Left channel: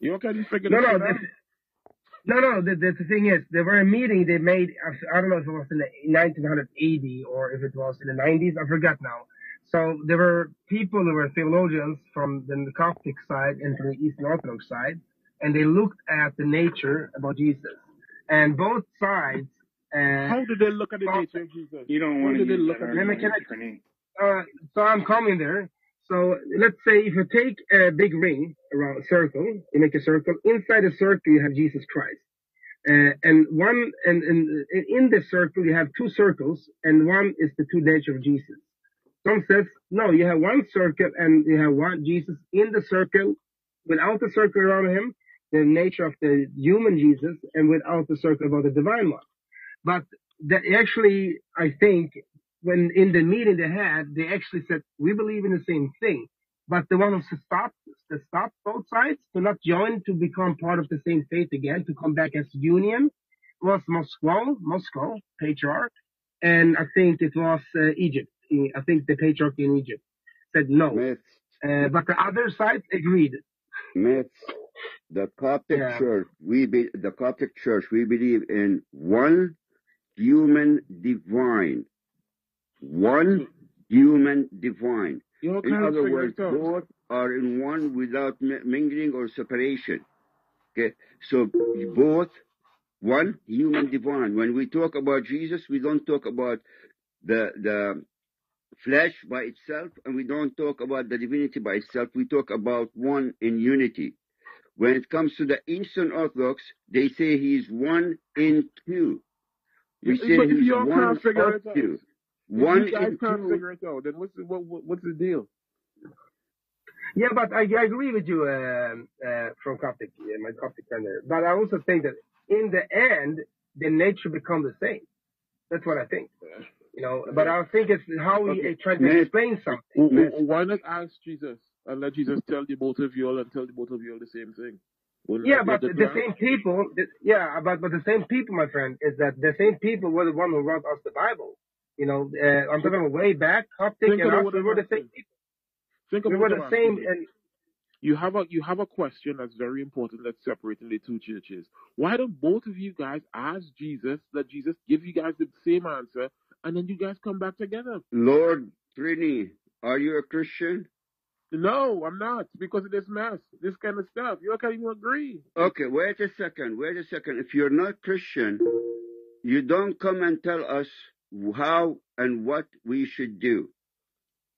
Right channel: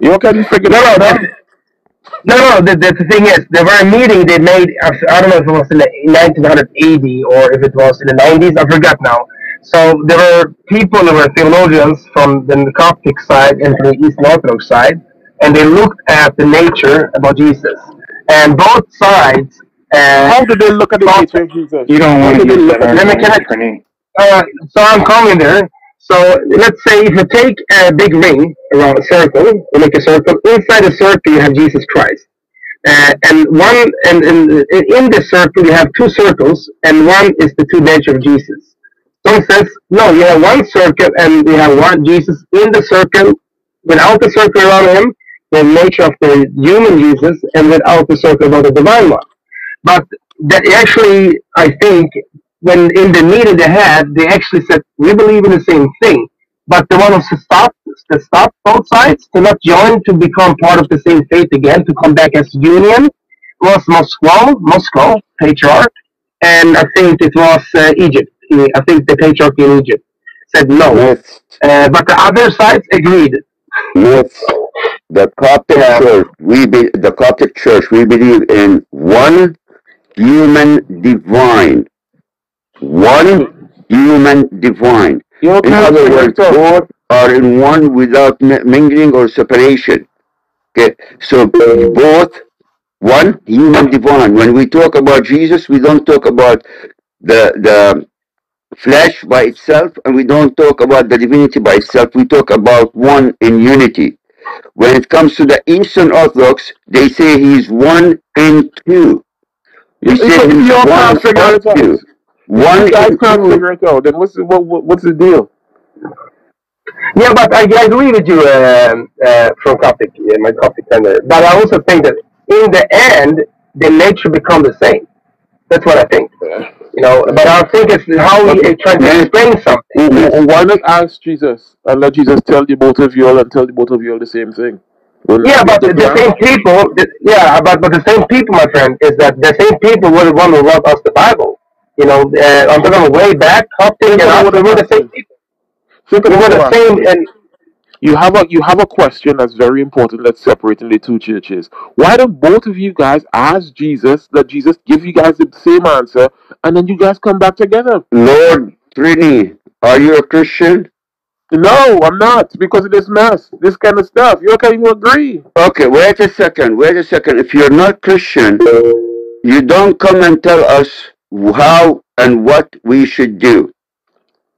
You can figure No, no, that out. no. The thing is, there were a meeting they made. I don't know if it was in the 1980 or if it was in the 90s. I forgot now. So there were people, there were theologians from the Coptic side and from the Eastern Orthodox side, and they looked at the nature about Jesus, and both sides. How did they look at the thought, nature of Jesus? You don't How want to did they use look that at let me it? argument, can Trini. so I'm coming there. So let's say if you take a big ring around a circle, you make a circle. Inside the circle, you have Jesus Christ. And one and in the circle you have two circles, and one is the two nature of Jesus. So it says no, you have one circle and you have one Jesus in the circle, without the circle around him, the nature of the human Jesus, and without the circle about the divine one. But that actually, I think, when in the meeting they had, they actually said we believe in the same thing. But the one who stopped both sides to not join to become part of the same faith again, to come back as union, was Moscow patriarch, and I think it was Egypt. I think the patriarch in Egypt said no, Myths. but the other sides agreed. Myths. The Coptic Yeah. Church, the Coptic Church, we believe in one human divine. One human divine. You In can other figure words, it out. both are in one without mingling or separation. Okay, so both one human divine. When we talk about Jesus, we don't talk about the flesh by itself, and we don't talk about the divinity by itself. We talk about one in unity. When it comes to the Eastern Orthodox, they say he's one in two. We say If he's you one can't figure or it out, two. One you guys in can't two. figure it out, then what's the deal? Yeah, but I agree with you from Coptic, my Coptic tender. But I also think that in the end, the nature become the same. That's what I think. But I think it's how we try to explain something. Why not ask Jesus and let Jesus tell the both of you all and tell the both of you all the same thing? Yeah, but the same people. But the same people, my friend, is that the same people were the one who wrote us the Bible. I'm talking way back, Coptic and us. We were the same people. Think We were about the same, and you have a question that's very important that's separating the two churches. Why don't both of you guys ask Jesus, let Jesus give you guys the same answer, and then you guys come back together? Lord Trini, are you a Christian? No, I'm not, because of this mess, this kind of stuff. You can't even agree. Okay, wait a second. If you're not Christian, you don't come and tell us how and what we should do.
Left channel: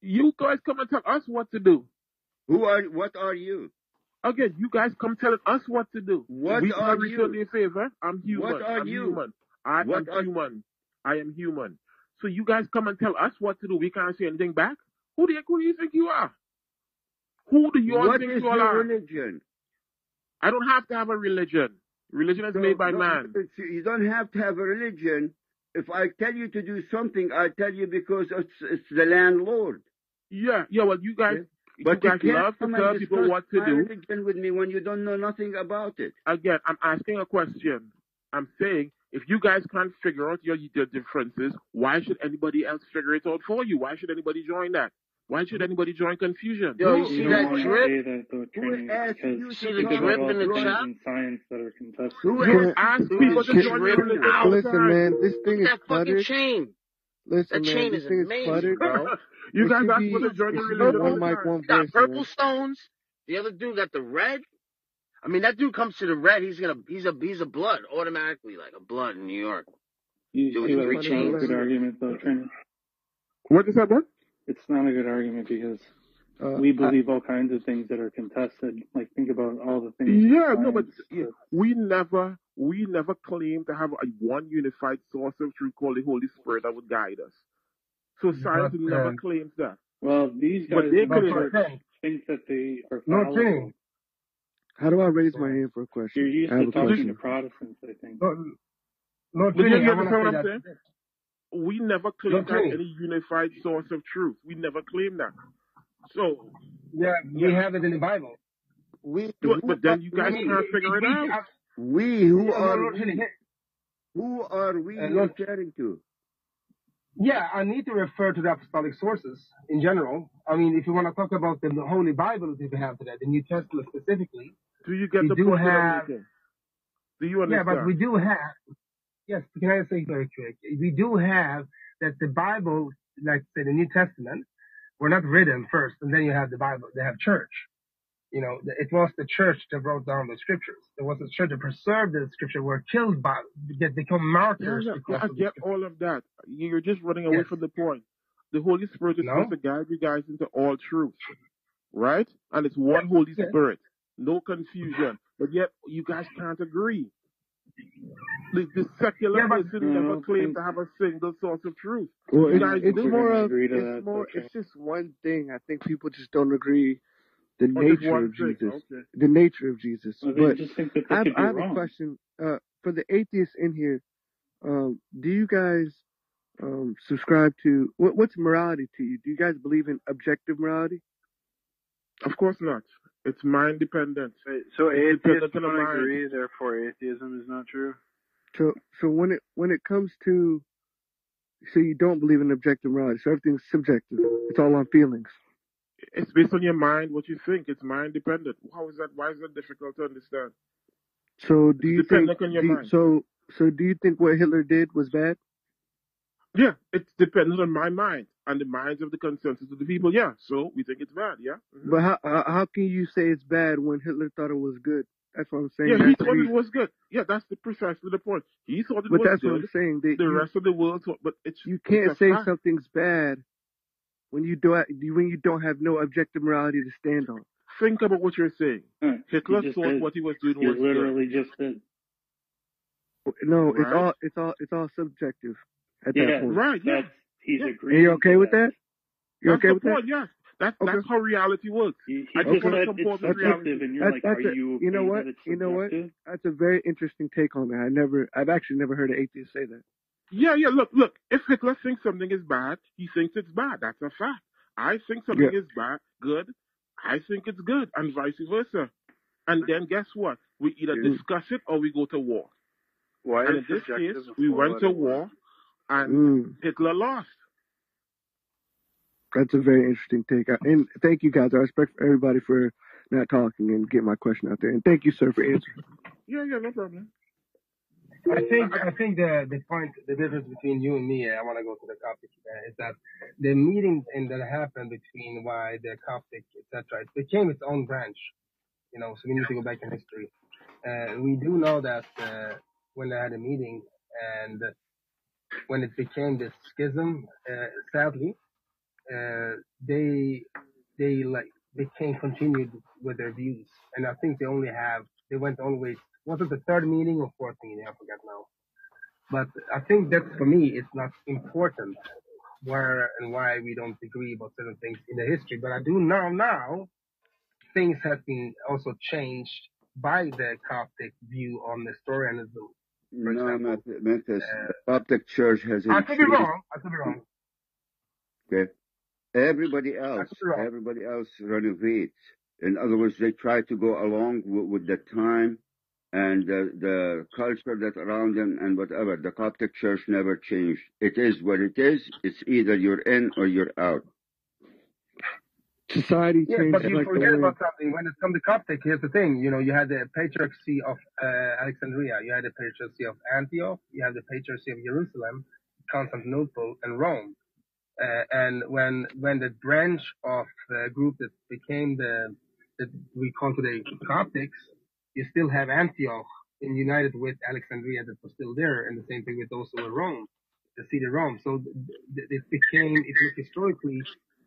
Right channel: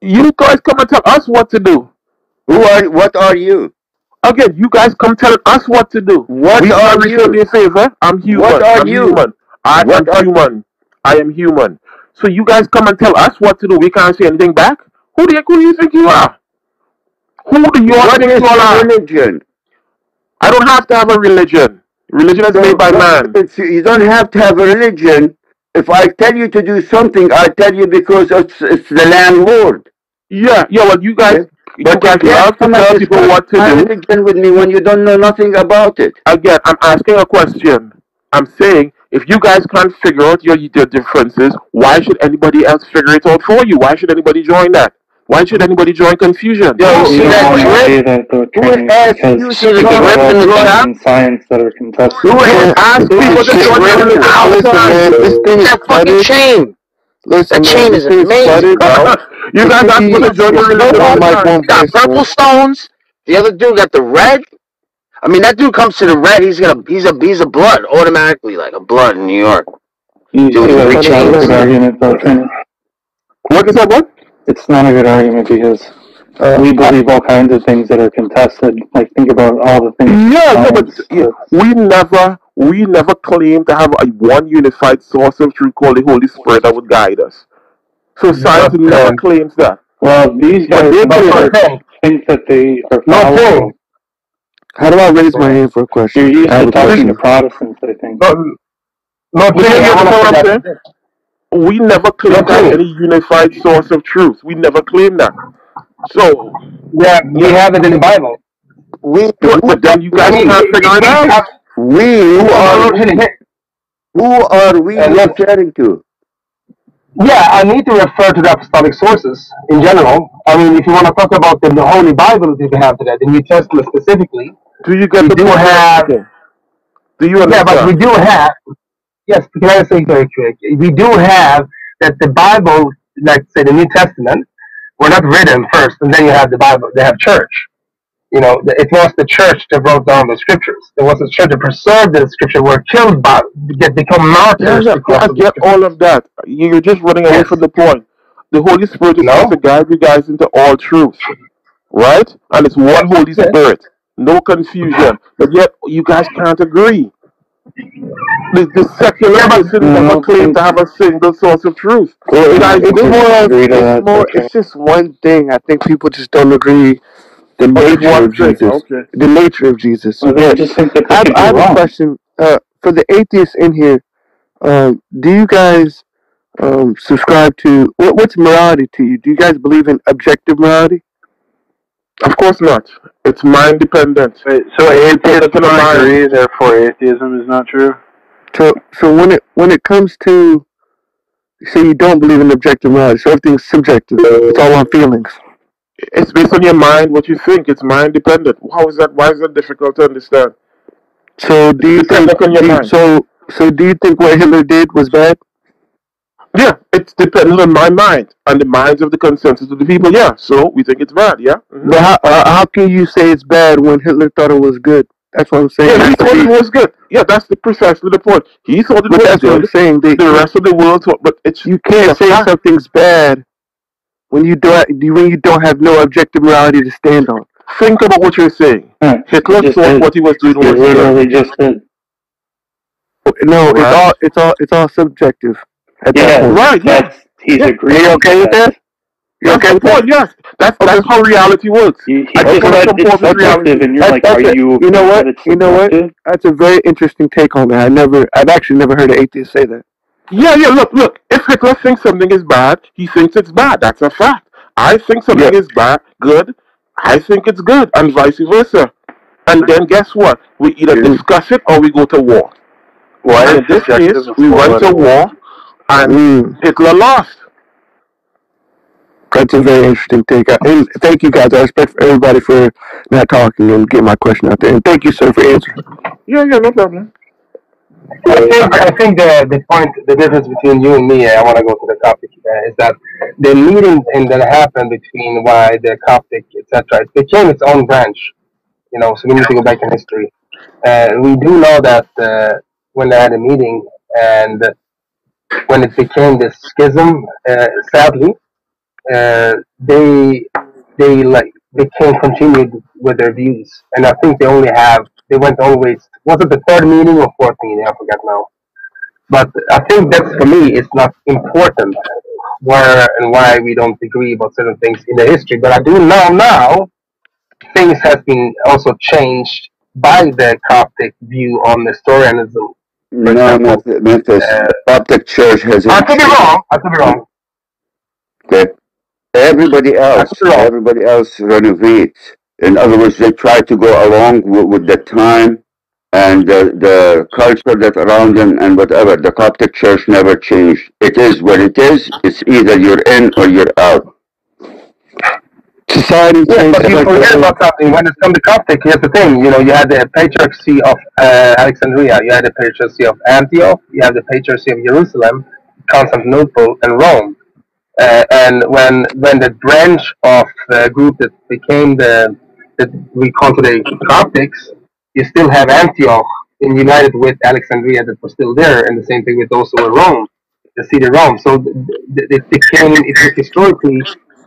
You guys come and tell us what to do. What are you? Again, you guys come tell us what to do. What are you? Me a favor. I'm human. What are I'm you? human. I am human. I am human. So you guys come and tell us what to do. We can't say anything back. Who do you think you are? Who do you What think is you all your are? religion? I don't have to have a religion. Religion is made by man. You don't have to have a religion. If I tell you to do something, I tell you because it's the landlord. Yeah. Well, you guys, Okay. But you guys love to tell people what to do. Religion with me when you don't know nothing about it. Again, I'm asking a question. I'm saying, if you guys can't figure out your differences, why should anybody else figure it out for you? Why should anybody join that? Why should anybody join confusion? you see that Who asked you see the grip in the chat? Science that are contested. Who asked people to join the outside? This thing is That fucking chain. Listen, That chain is amazing, bro. You guys asked people to join the religion all the time. Got purple stones. The other dude got the red. I mean, that dude comes to the red. He's a blood automatically, like a blood in New York. It's not a good argument, though, Trini. What is that? What? It's not a good argument because we believe all kinds of things that are contested. Like, think about all the things. Yeah, but we never claim to have a one unified source of truth called the Holy Spirit that would guide us. So science never claims that. Well, these guys think that they are following. How do I raise my hand for a question? You're used to talking to Protestants, I think. We never claimed that any unified source of truth. We never claimed that. So yeah, we have it in the Bible. But then you guys can't figure it out. Who are we referring to? Yeah, I need to refer to the apostolic sources in general. I mean, if you want to talk about the Holy Bible that we have today, the New Testament specifically, Do you get we the do point? have, Okay. Do you yeah, but we understand? do have, yes, can I say very quick? We do have that the Bible, like say the New Testament, were not written first, and then you have the Bible. They have church. It was the church that wrote down the scriptures. It was the church that preserved the scripture, were killed by, become Yeah, martyrs yeah, because I of the get all scriptures. of that. You're just running away Yes. from the point. The Holy Spirit is supposed to No? guide you guys into all truth, right? And it's one Holy Yes. Spirit, no confusion. But yet you guys can't agree. The secular Yeah, but person never claimed to have a single source of truth. Well, You guys it's do. more of, Agree to that, it's more, okay. it's just one thing. I think people just don't agree the But it's nature one of thing. Jesus. Okay. The nature of Jesus. Well, they just think that they could I be have a wrong. question for the atheists in here. Do you guys subscribe to what's morality to you? Do you guys believe in objective morality? Of course not. It's mind dependent. Wait, so atheists Dependent on the don't mind. agree, therefore atheism is not true? So when it comes to, say you don't believe in objective morality, so everything's subjective. It's all on feelings. It's based on your mind, what you think. It's mind dependent. How is that? Why is that difficult to understand? So do you It's think dependent on your mind. so do you think what Hitler did was bad? Yeah, it's dependent on my mind and the minds of the consensus of the people. Yeah, so we think it's bad. Yeah. Mhm. But how can you say it's bad when Hitler thought it was good? That's what I'm saying. Yeah, he thought it was good. Yeah, that's precisely the point. He thought it But was that's what I'm good. saying. The rest of the world thought, but it's You can't it's a say fact. something's bad when you don't have no objective morality to stand on. Think about what you're saying. Right. Hitler Just thought did. what he was doing You was good. literally just did. No, Right. it's all subjective at that Yeah, point. Right, yeah. that's, he's Yeah. agreeing. Are you okay with that? You That's okay the with that? point. Yes, that's how reality works. He I just just want to said comport it's with reality. subjective, and you're That's- like, that's are it. you You know okay what? that it's You know what? subjective? That's a very interesting take on that. I've actually never heard an atheist say that. Yeah, yeah. Look. If Hitler thinks something is bad, he thinks it's bad. That's a fact. I think something is bad, good. I think it's good, and vice versa. And then guess what? We either discuss it or we go to war. Why And is in this case, subjective we went to war, and Hitler lost. That's a very interesting take. And thank you guys. I respect everybody for not talking and getting my question out there. And thank you, sir, for answering. Yeah, no problem. I think the difference between you and me, I want to go to the Coptic, is that the meeting that happened between why the Coptic, etc., it became its own branch. So we need to go back in history. We do know that when they had a meeting and when it became this schism, sadly, they became continued with their views, and I think they went always. Was it the third meeting or fourth meeting? I forget now. But I think that's, for me, it's not important where and why we don't agree about certain things in the history. But I do know now things have been also changed by the Coptic view on historianism. For example, Memphis. Coptic Church has. I could be wrong. Okay. Everybody else renovates. In other words, they try to go along with the time and the culture that around them and whatever. The Coptic Church never changed. It is what it is. It's either you're in or you're out. Society Yeah, but you forget about something. When it comes to Coptic, here's the thing. You had the Patriarchy of Alexandria, you had the Patriarchy of Antioch, you have the Patriarchy of Jerusalem, Constantinople, and Rome. And when the branch of the group that became that we call today Coptics, you still have Antioch united with Alexandria that was still there, and the same thing with those who were Rome, the city of Rome. So it became, historically,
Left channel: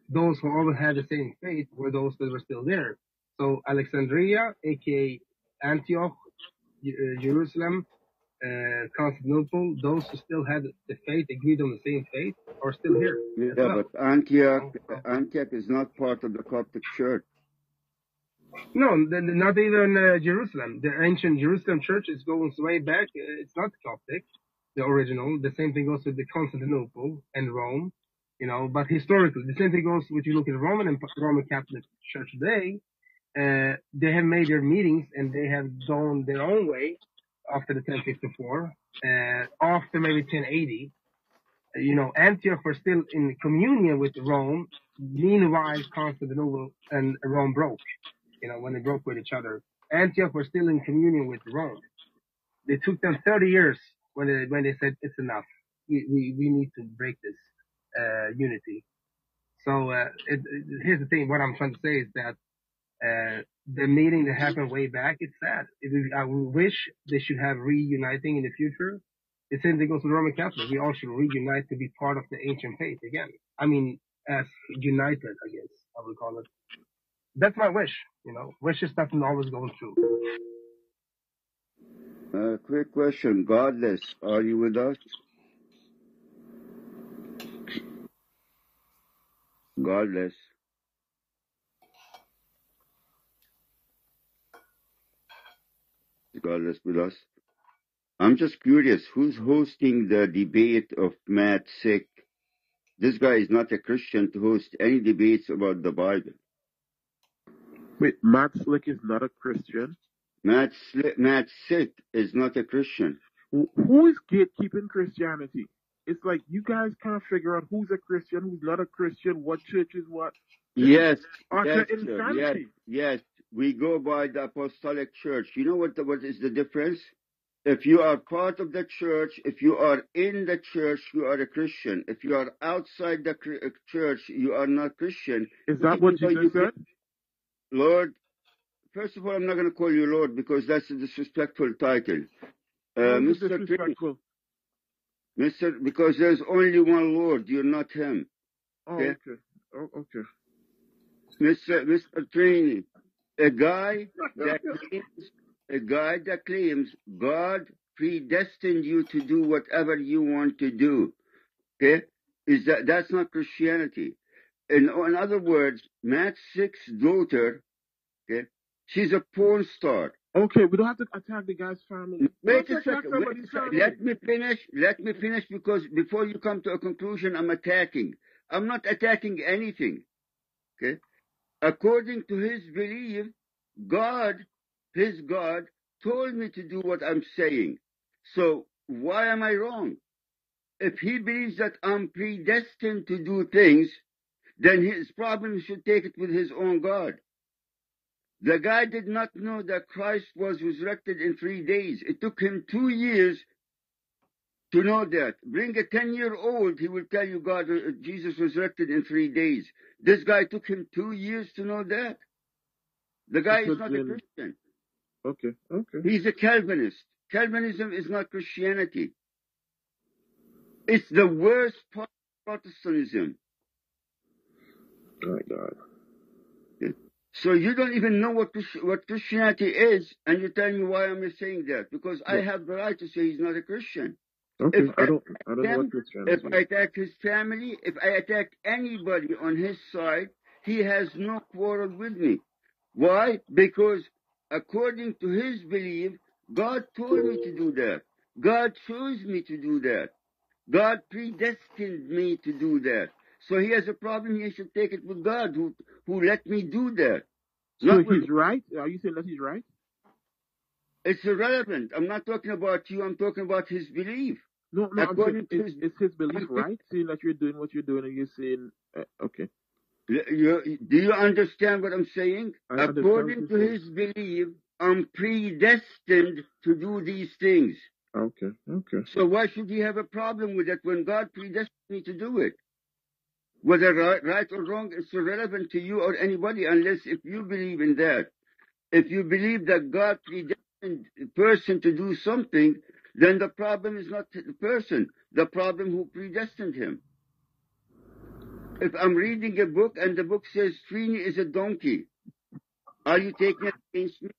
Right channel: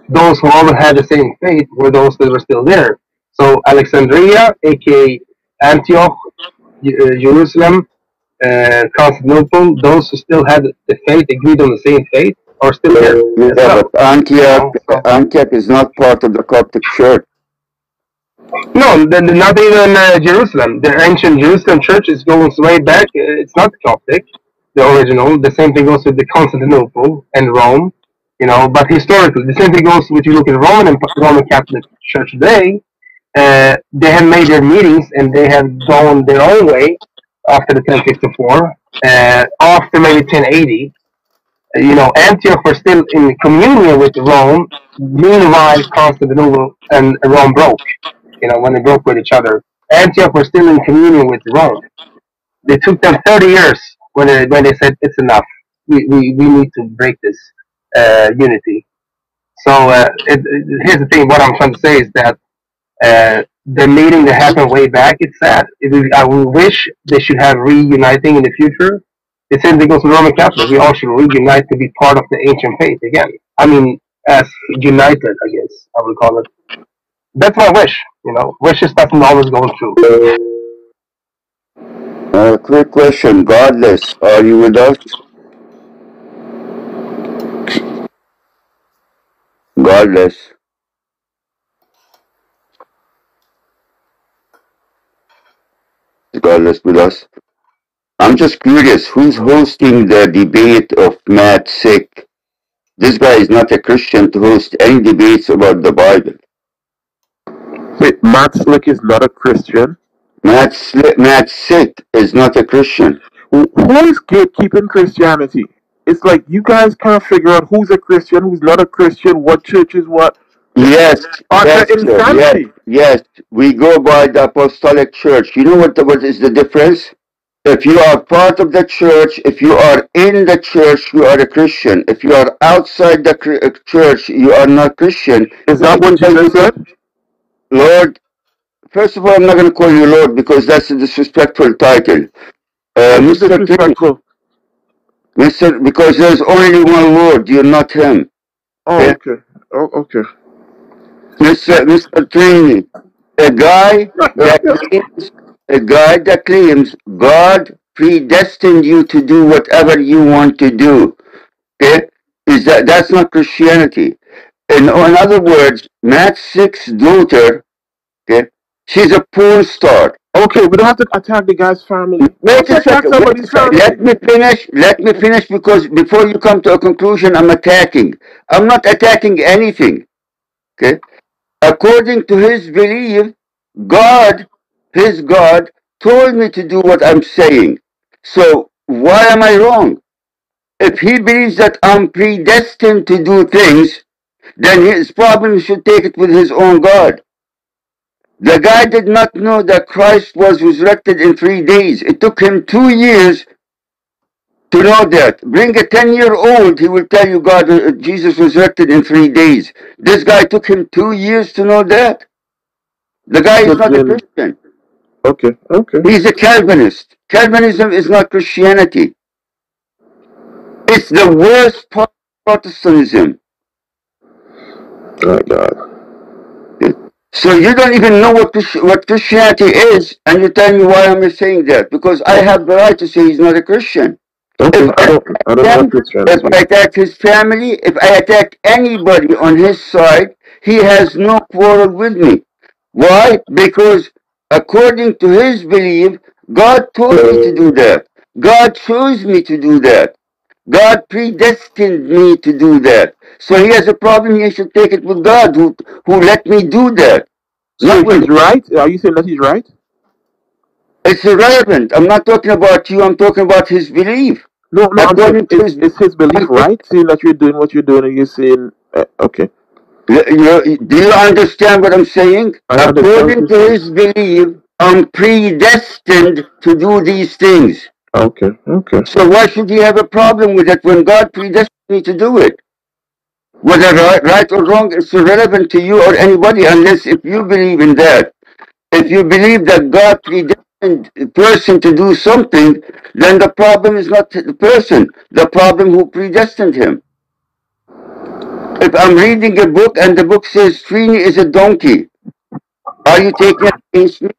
those who all had the same faith were those that were still there. So Alexandria, aka Antioch, Jerusalem, Constantinople, those who still had the faith, agreed on the same faith, are still there. Yeah, but Antioch is not part of the Coptic Church. No, not even Jerusalem. The ancient Jerusalem church is going way back. It's not Coptic, the original. The same thing goes with the Constantinople and Rome. But historically, the same thing goes with, you look at Roman Catholic Church today. They have made their meetings and they have gone their own way after the 1054. After maybe 1080, Antioch were still in communion with Rome. Meanwhile, Constantinople and Rome broke. When they broke with each other. Antioch was still in communion with Rome. They took them 30 years when they said it's enough. We need to break this unity. So here's the thing. What I'm trying to say is that the meeting that happened way back, it's sad. I wish they should have reuniting in the future. The same thing goes with Roman Catholic. We all should reunite to be part of the ancient faith again. I mean, as united, I guess I would call it. That's my wish. Wishes doesn't always go true. Quick question. Godless, are you with us? Godless. Is Godless with us? I'm just curious, who's hosting the debate of Matt Sick? This guy is not a Christian to host any debates about the Bible. Wait, Matt Slick is not a Christian? Matt Sick is not a Christian. Who is gatekeeping Christianity? It's like you guys can't figure out who's a Christian, who's not a Christian, what church is what. Yes, yes. We go by the Apostolic Church. You know what is the difference? If you are part of the church, if you are in the church, you are a Christian. If you are outside the church, you are not Christian. Is that what Jesus said? Lord, first of all, I'm not going to call you Lord because that's a disrespectful title. Mr. Disrespectful. Because there's only one Lord, you're not him. Oh, okay. Oh, okay. Mr. Trini, a guy that claims God predestined you to do whatever you want to do. Okay? That's not Christianity. In other words, Matt Sick's daughter, okay, she's a porn star. Okay, we don't have to attack the guy's family. Wait a second. Let me finish because before you come to a conclusion, I'm attacking. I'm not attacking anything. Okay? According to his belief, his God, told me to do what I'm saying. So why am I wrong? If he believes that I'm predestined to do things, then his problem should take it with his own God. The guy did not know that Christ was resurrected in 3 days. It took him 2 years to know that. Bring a 10-year-old, he will tell you Jesus resurrected in 3 days. This guy took him 2 years to know that. The guy is not a Christian. Okay. He's a Calvinist. Calvinism is not Christianity. It's the worst part of Protestantism. Oh, God. So you don't even know what Christianity is, and you tell me why I'm saying that. Because I have the right to say he's not a Christian. Okay, I don't know Christianity. If I attack his family, if I attack anybody on his side, he has no quarrel with me. Why? Because according to his belief, God told me to do that. God chose me to do that. God predestined me to do that. So he has a problem, he should take it with God who let me do that. So he's right? Are you saying that he's right? It's irrelevant. I'm not talking about you, I'm talking about his belief. No, is his belief right? Saying that you're doing what you're doing and you're saying, okay. Do you understand what I'm saying? According to his belief, I'm predestined to do these things. Okay. So why should he have a problem with it when God predestined me to do it? Whether right or wrong, it's irrelevant to you or anybody unless if you believe in that. If you believe that God predestined a person to do something, then the problem is not the person, the problem who predestined him. If I'm reading a book and the book says Trini is a donkey, are you taking it against me?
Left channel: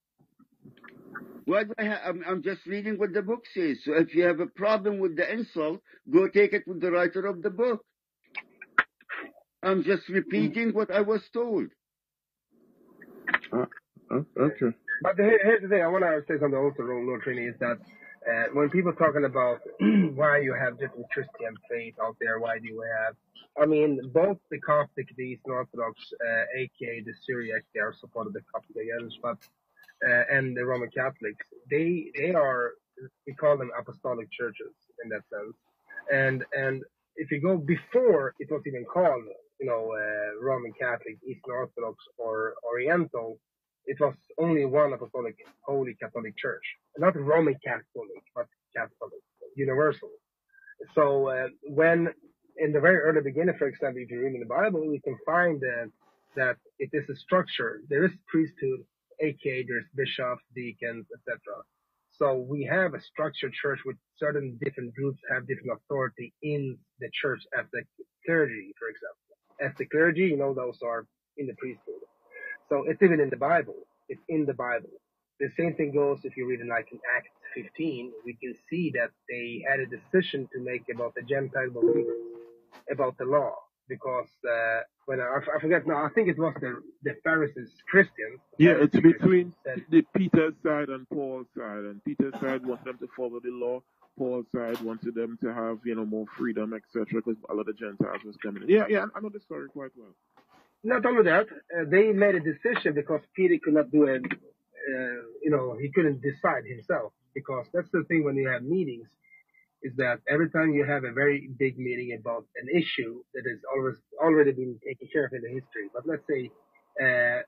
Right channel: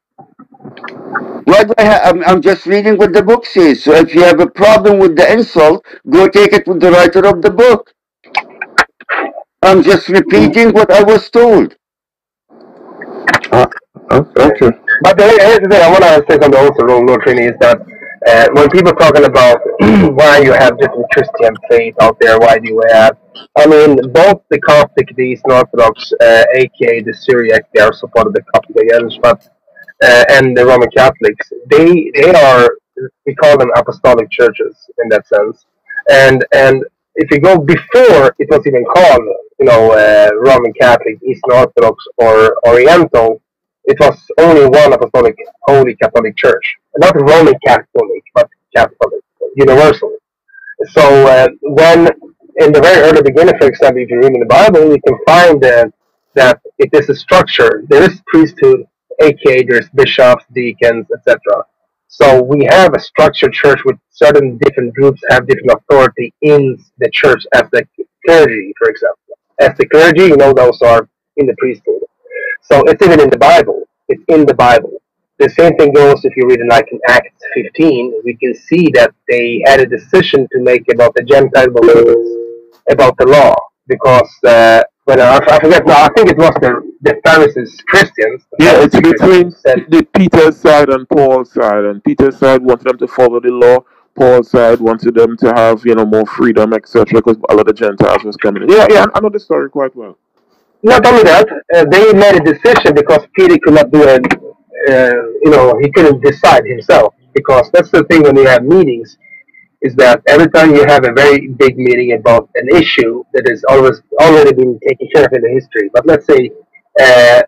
Why do I'm just reading what the book says. So if you have a problem with the insult, go take it with the writer of the book. I'm just repeating what I was told. Okay. But here's the thing, I want to say something also wrong, Lord Trini, is that when people are talking about why you have different Christian faith out there, why do you have, I mean, both the Coptic, the Eastern Orthodox, aka the Syriac, they are support of the Coptic but and the Roman Catholics, they are, we call them apostolic churches in that sense. And if you go before it was even called, Roman Catholic, Eastern Orthodox, or Oriental, it was only one apostolic, Holy Catholic Church, not Roman Catholic, but Catholic, universal. So when in the very early beginning, for example, if you read in the Bible, you can find that it is a structure. There is priesthood, aka there's bishops, deacons, etc. So we have a structured church with certain different groups have different authority in the church as the clergy, for example. As the clergy, those are in the priesthood. So it's even in the Bible. It's in the Bible. The same thing goes if you read in Acts 15. We can see that they had a decision to make about the Gentile believers, about the law, because I forget now. I think it was the Pharisees, Christians. Yeah, it's between the Peter's side and Paul's side, and Peter's side wanted them to follow the law. Paul's side wanted them to have more freedom, etc. Because a lot of Gentiles was coming in. Yeah, I know the story quite well. Not only that, they made a decision because Peter could not do it. He couldn't decide himself, because that's the thing when you have meetings, is that every time you have a very big meeting about an issue that has already been taken care of in the history, but let's say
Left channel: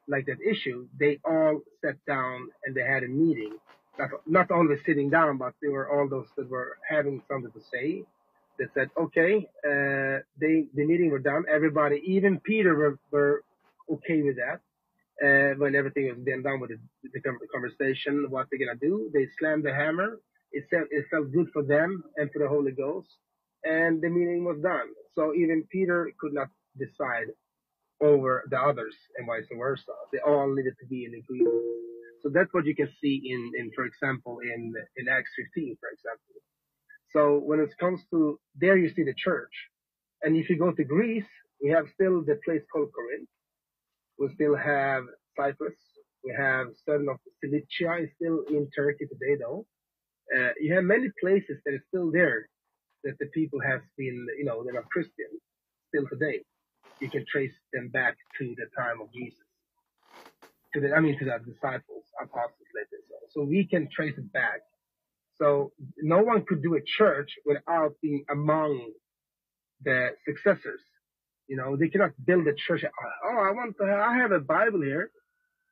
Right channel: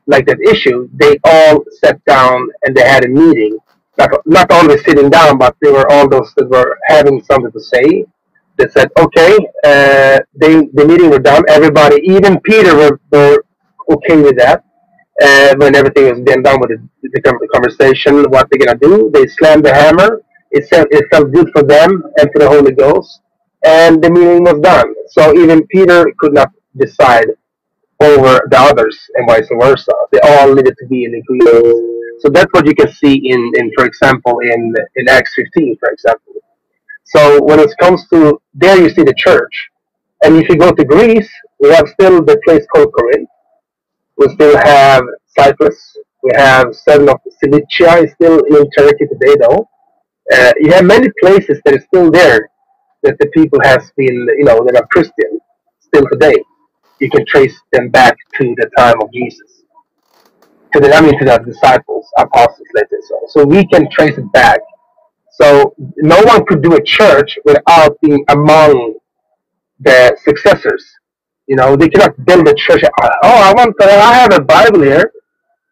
like that issue, they all sat down and they had a meeting, not always sitting down, but they were all those that were having something to say. They said, okay, the meeting were done. Everybody, even Peter, were okay with that. When everything was then done with the conversation, what they're gonna do? They slammed the hammer. It felt good for them and for the Holy Ghost, and the meeting was done. So even Peter could not decide over the others, and vice versa. They all needed to be in agreement. So that's what you can see in for example, in Acts 15, for example. So when it comes to there, you see the church, and if you go to Greece, we have still the place called Corinth. We still have Cyprus. We have seven of Cilicia is still in Turkey today, though. You have many places that are still there that the people has been, that are Christian still today. You can trace them back to the time of Jesus, to the disciples, apostles, let's say so. So we can trace it back. So no one could do a church without being among the successors. They cannot build a church. I have a Bible here,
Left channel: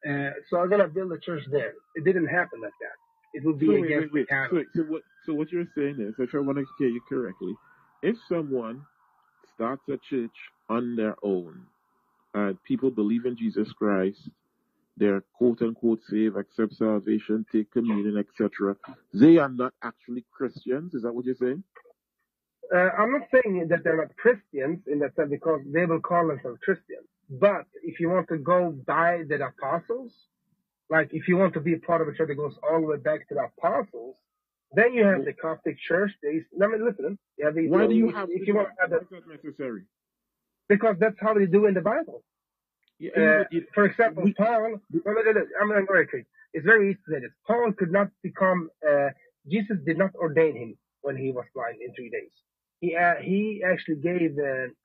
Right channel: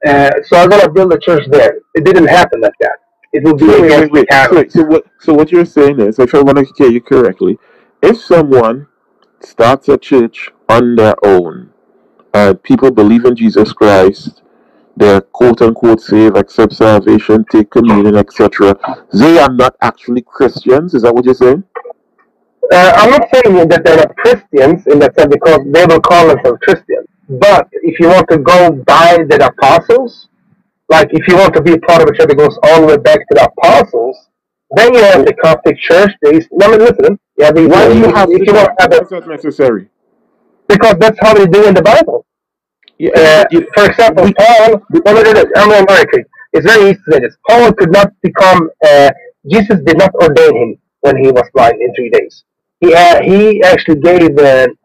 so I'm gonna build a church there. It didn't happen like that. It will be wait. So what you're saying is, if I want to hear you correctly, if someone starts a church on their own, and people believe in Jesus Christ, they're quote unquote saved, accept salvation, take communion, etc., they are not actually Christians. Is that what you're saying? I'm not saying that they're not Christians in that sense, because they will call themselves Christians. But if you want to go by the apostles, like if you want to be a part of a church that goes all the way back to the apostles, then you have the Coptic Church. Listen. Why do you have that's not necessary? Because that's how they do in the Bible. For example, Paul. I'm very quick. It's very easy to say this. Paul could not become. Jesus did not ordain him when he was blind in 3 days. He actually gave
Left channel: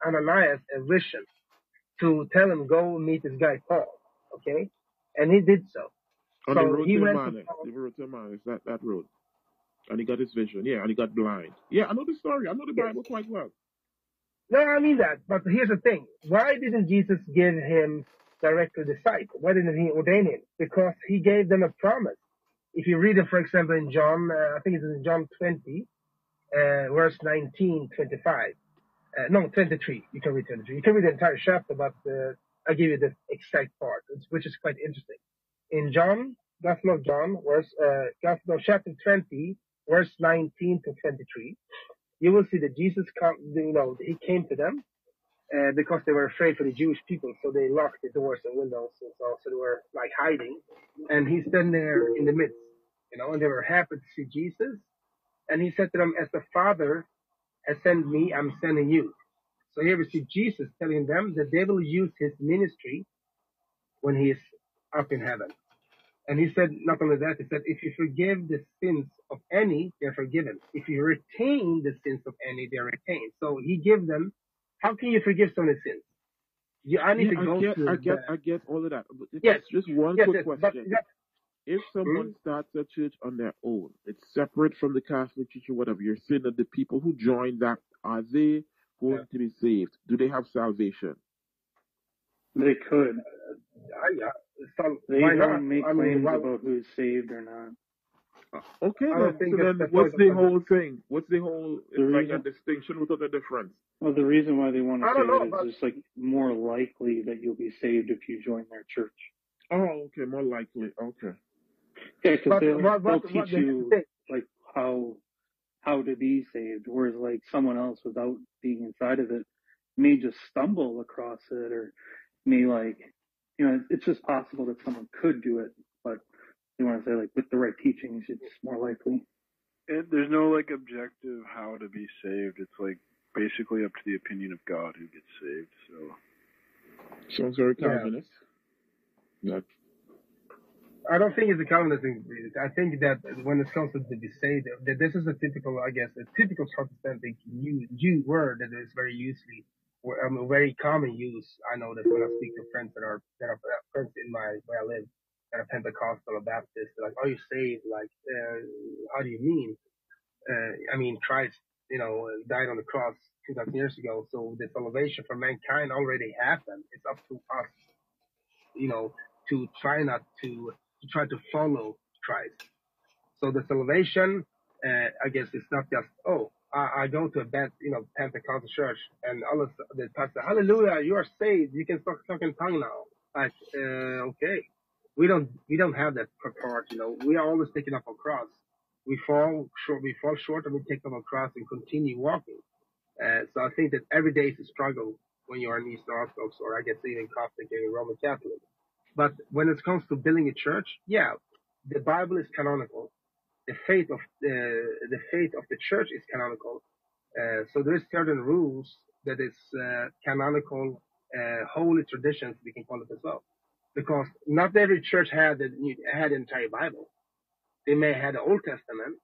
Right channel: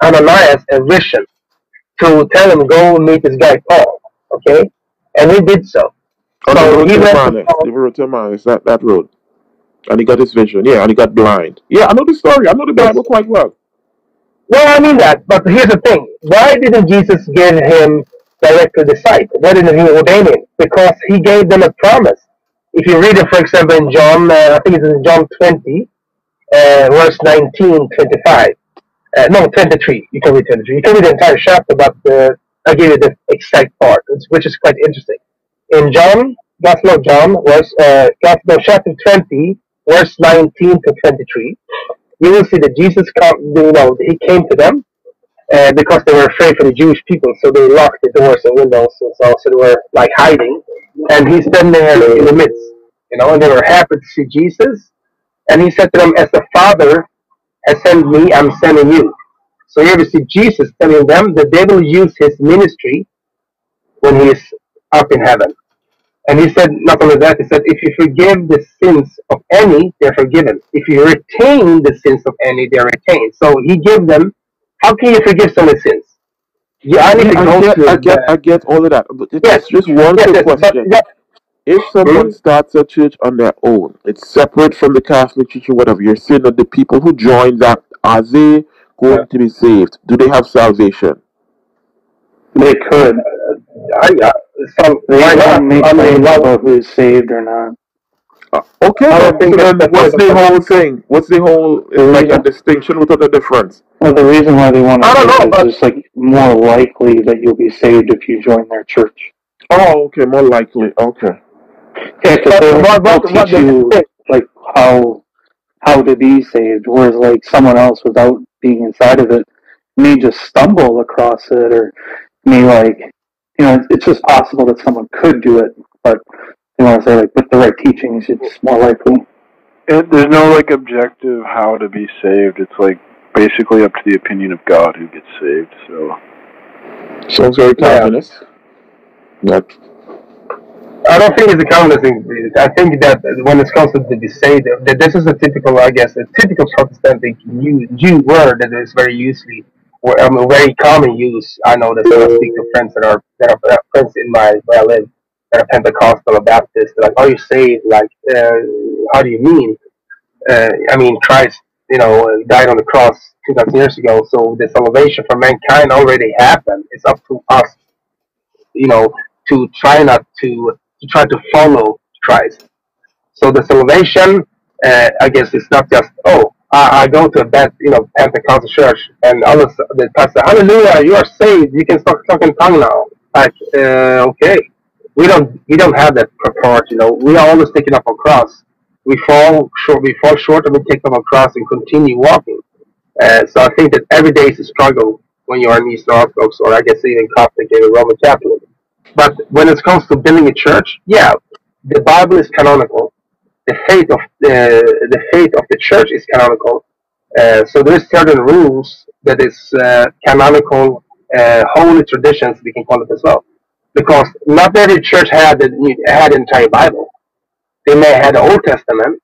Ananias a vision to tell him, go meet this guy Paul. Okay, and he did so. So he went to Emmaus, that road, and he got his vision. Yeah, and he got blind. Yeah, I know the story. I know the Bible quite well. Well, I mean that, but here's the thing. Why didn't Jesus give him directly the sight? Why didn't he ordain him? Because he gave them a promise. If you read it, for example, in John, I think it's in John 20, verse 19, 25. No, 23. You can read 23. You can read the entire chapter, but I'll give you the exact part, which is quite interesting. In Gospel of John, chapter 20, verse 19 to 23, you will see that Jesus he came to them because they were afraid for the Jewish people, so they locked the doors and windows and so they were like hiding. And he's standing there in the midst, and they were happy to see Jesus. And he said to them, as the Father has sent me, I'm sending you. So here we see Jesus telling them that they will use his ministry when he is up in heaven. And he said, not only that, he said, if you forgive the sins of any, they're forgiven. If you retain the sins of any, they're retained. So he gave them, how can you forgive someone's sins? I get all of that. But it's just one quick question. If someone starts a church on their own, it's separate from the Catholic Church or whatever, you're saying that the people who join that, are they going to be saved? Do they have salvation? They could. So They why not? don't make I mean, claims why, about who's saved or not. Okay, I don't think so then that's what's the whole thing? What's the whole, The like a reason, distinction without a difference? well, the reason why they want I to don't make know, it but is just like more likely that you'll be saved if you join their church. Oh, okay, more likely. Okay. Yeah, because they'll teach you like how to be saved, whereas like someone else without being inside of it may just stumble across it, or may like, it's just possible that someone could do it, but they want to say like with the right teachings, it's more likely. There's no like objective how to be saved. It's like basically up to the opinion of God who gets saved. So Sounds very Calvinist. Not. I don't think it's a Calvinist thing. I think that when it comes to be saved, that this is a typical, I guess, a typical Protestant Jew word that is very usually, very common use. I know that when I speak to friends that are friends in where I live, that are Pentecostal or Baptist, they're like, "Are you saved?" Like, how do you mean? I mean, Christ, died on the cross 2,000 years ago, so the salvation for mankind already happened. It's up to us, to try not to try to follow Christ. So the salvation, I guess, is not just I go to a Pentecostal church and all of the pastor, hallelujah, you are saved, you can start talking tongue now. Like, okay, we don't have that purport. We are always taken up on cross. We fall short, and we take up on cross and continue walking. So I think that every day is a struggle when you are an Eastern Orthodox, or I guess even Catholic and Roman Catholic. But when it comes to building a church, yeah, the Bible is canonical. The faith of the church is canonical. So there's certain rules that is canonical, holy traditions, we can call it as well. Because not every church had the entire Bible. They may have the Old Testament,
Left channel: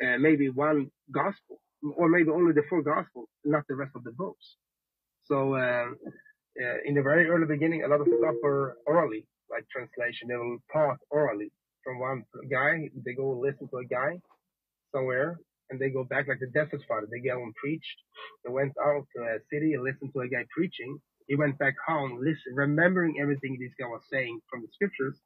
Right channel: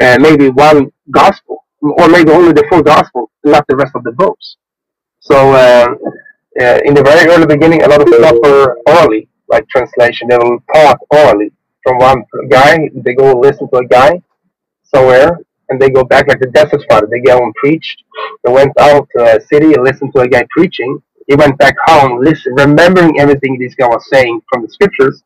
maybe one gospel, or maybe only the full gospel, not the rest of the books. So in the very early beginning, a lot of stuff were orally, like translation. They will talk orally from one guy. They go listen to a guy somewhere, and they go back like the desert father. They go and preached. They went out to a city and listened to a guy preaching. He went back home, remembering everything this guy was saying from the scriptures.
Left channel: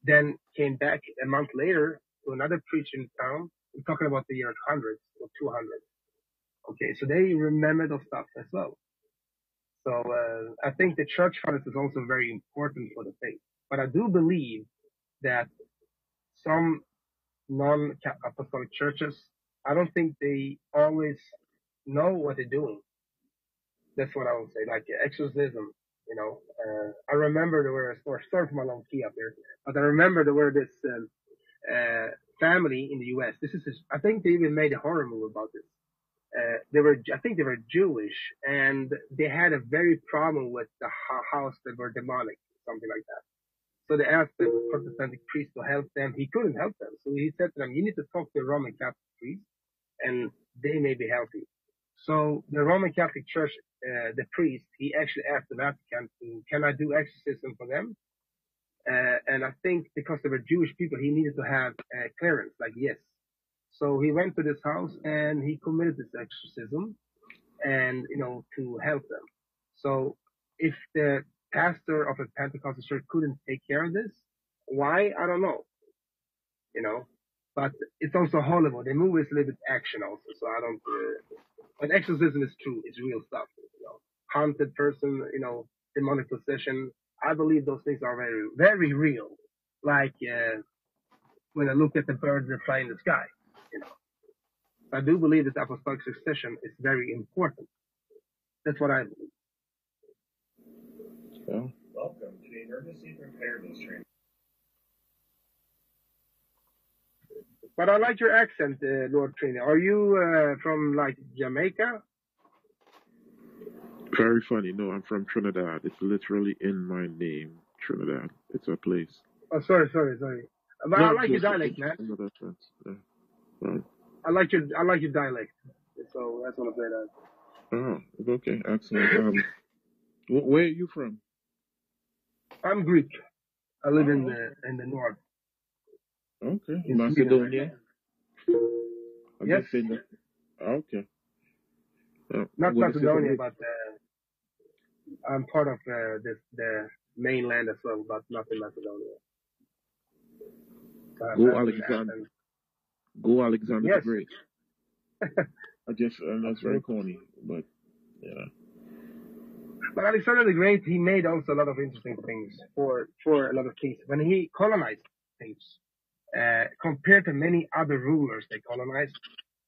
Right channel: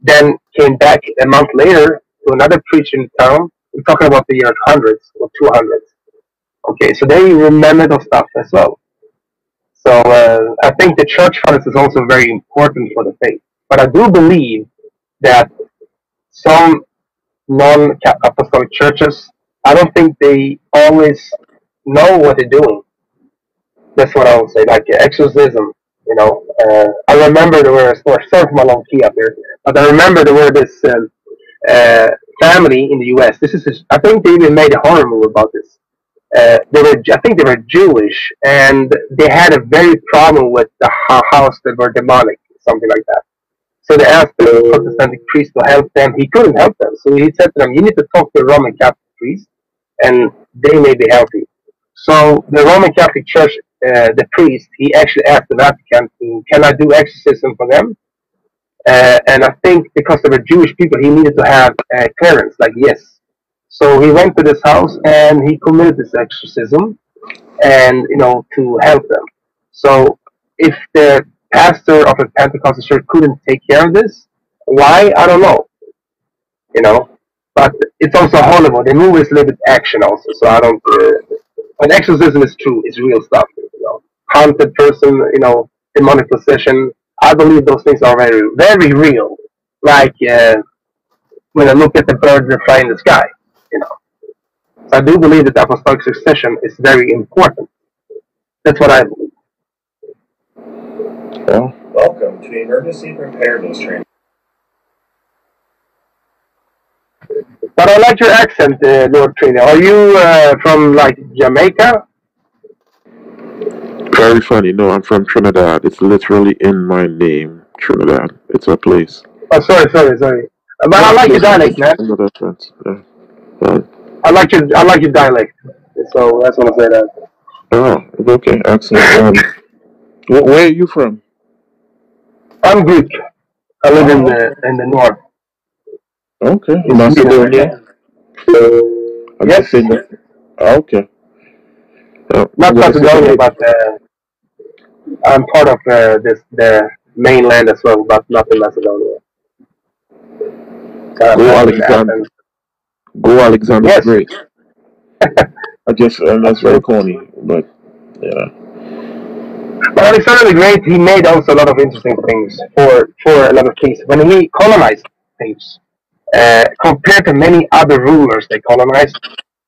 Then came back a month later to another preacher in town. We're talking about the year hundreds or 200s. Okay, so they remember those stuff as well. So I think the church fathers is also very important for the faith. But I do believe that some non-apostolic churches, I don't think they always know what they're doing. That's what I would say, like exorcism. I remember there were, sorry for my long key up here, but I remember there were this family in the U.S. I think they even made a horror movie about this. I think they were Jewish, and they had a very problem with the house that were demonic, something like that. So they asked the Protestant priest to help them. He couldn't help them, so he said to them, "You need to talk to the Roman Catholic priest, and they may be helping." So the Roman Catholic Church, the priest, he actually asked the Vatican, "Can I do exorcism for them?" And I think because they were Jewish people, he needed to have clearance, like yes. So he went to this house and he committed this exorcism, and to help them. So if the pastor of a Pentecostal church couldn't take care of this, why? I don't know. But it's also Hollywood. The movie is a little bit action also, so I don't. But exorcism is true. It's real stuff. Haunted person, demonic possession. I believe those things are very, very real. Like when I look at the birds that fly in the sky. So I do believe that the apostolic succession is very important. That's what I believe. Yeah. Welcome to Emergency Preparedness Training. But I like your accent, Lord Trina. Are you from like Jamaica? Very funny. No, I'm from Trinidad. It's literally in my name, Trinidad. It's a place. Oh, sorry. But I like your dialect, man. Yeah. I like your dialect. So that's what I say that. Oh, okay, excellent. Where are you from? I'm Greek. I live in the north. Okay, Macedonia. Yes. Okay. Not Macedonia, but I'm part of the mainland as well, but not in Macedonia. Go Alexander Yes. the Great. And that's very corny, but yeah. But Alexander the Great, he made also a lot of interesting things for a lot of things. When he colonized things, compared to many other rulers they colonized,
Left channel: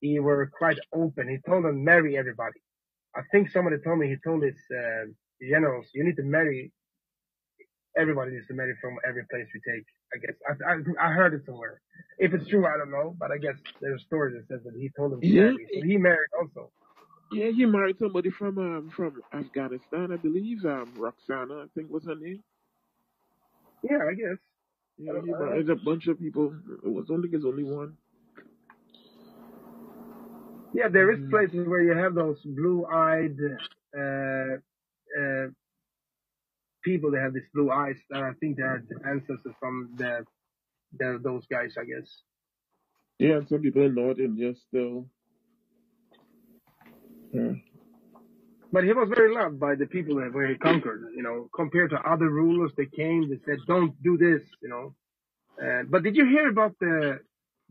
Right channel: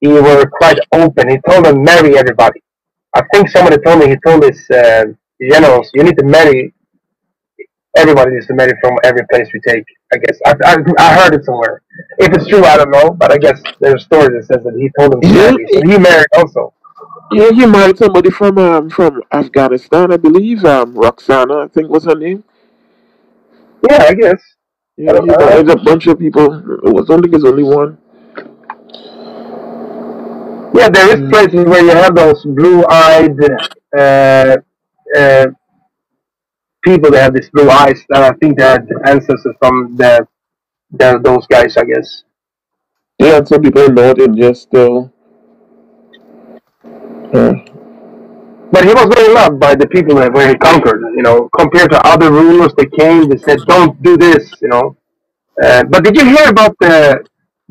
he were quite open. He told them marry everybody. I think somebody told me, he told his generals, you need to marry, everybody needs to marry from every place we take, I guess. I heard it somewhere. If it's true, I don't know, but I guess there's a story that says that he told them to marry, so he married also. Yeah, he married somebody from Afghanistan, I believe. Roxana, I think was her name. Yeah, I guess. Yeah, he married a bunch of people. I don't think it's only one. Yeah, there is places where you have those blue-eyed people that have these blue eyes, and I think they're ancestors from those guys, I guess. Yeah, and some people know it just still. But he was very loved by the people where he conquered, you know, compared to other rulers that came, they said, don't do this, you know. But did you hear about the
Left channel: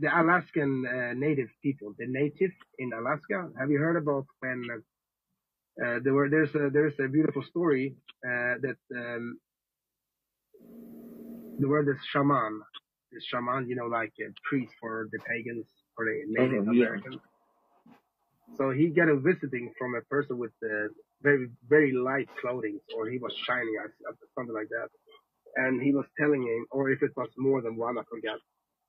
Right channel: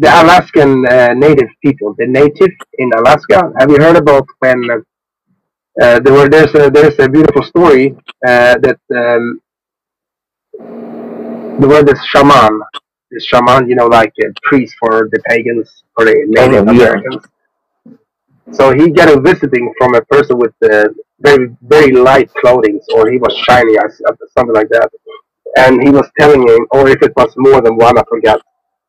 Alaskan native people, the native in Alaska? Have you heard about when there's a beautiful story that there was this shaman, you know, like a priest for the pagans, or the Native Americans. So he got a visiting from a person with very, very light clothing, or he was shiny, something like that. And he was telling him, or if it was more than one, I forgot.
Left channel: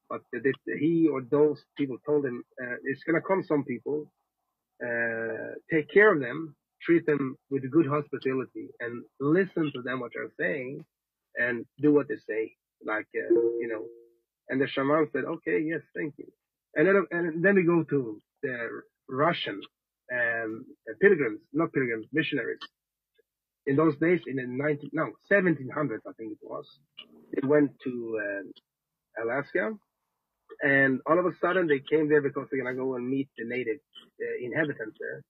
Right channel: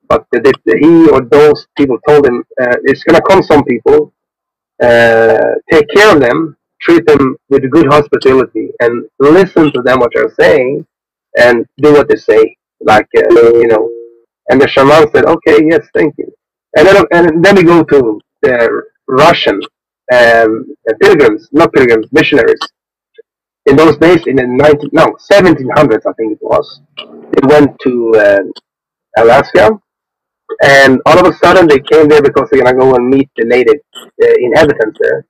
But he or those people told him, it's going to come some people, take care of them, treat them with good hospitality, and listen to them what they're saying, and do what they say. Like, you know. And the shaman said, okay, yes, thank you. And then we go to the Russian missionaries. In those days, in the 1700s, I think it was, they went to Alaska, and all of a sudden they came there because they're gonna go and meet the native inhabitants there.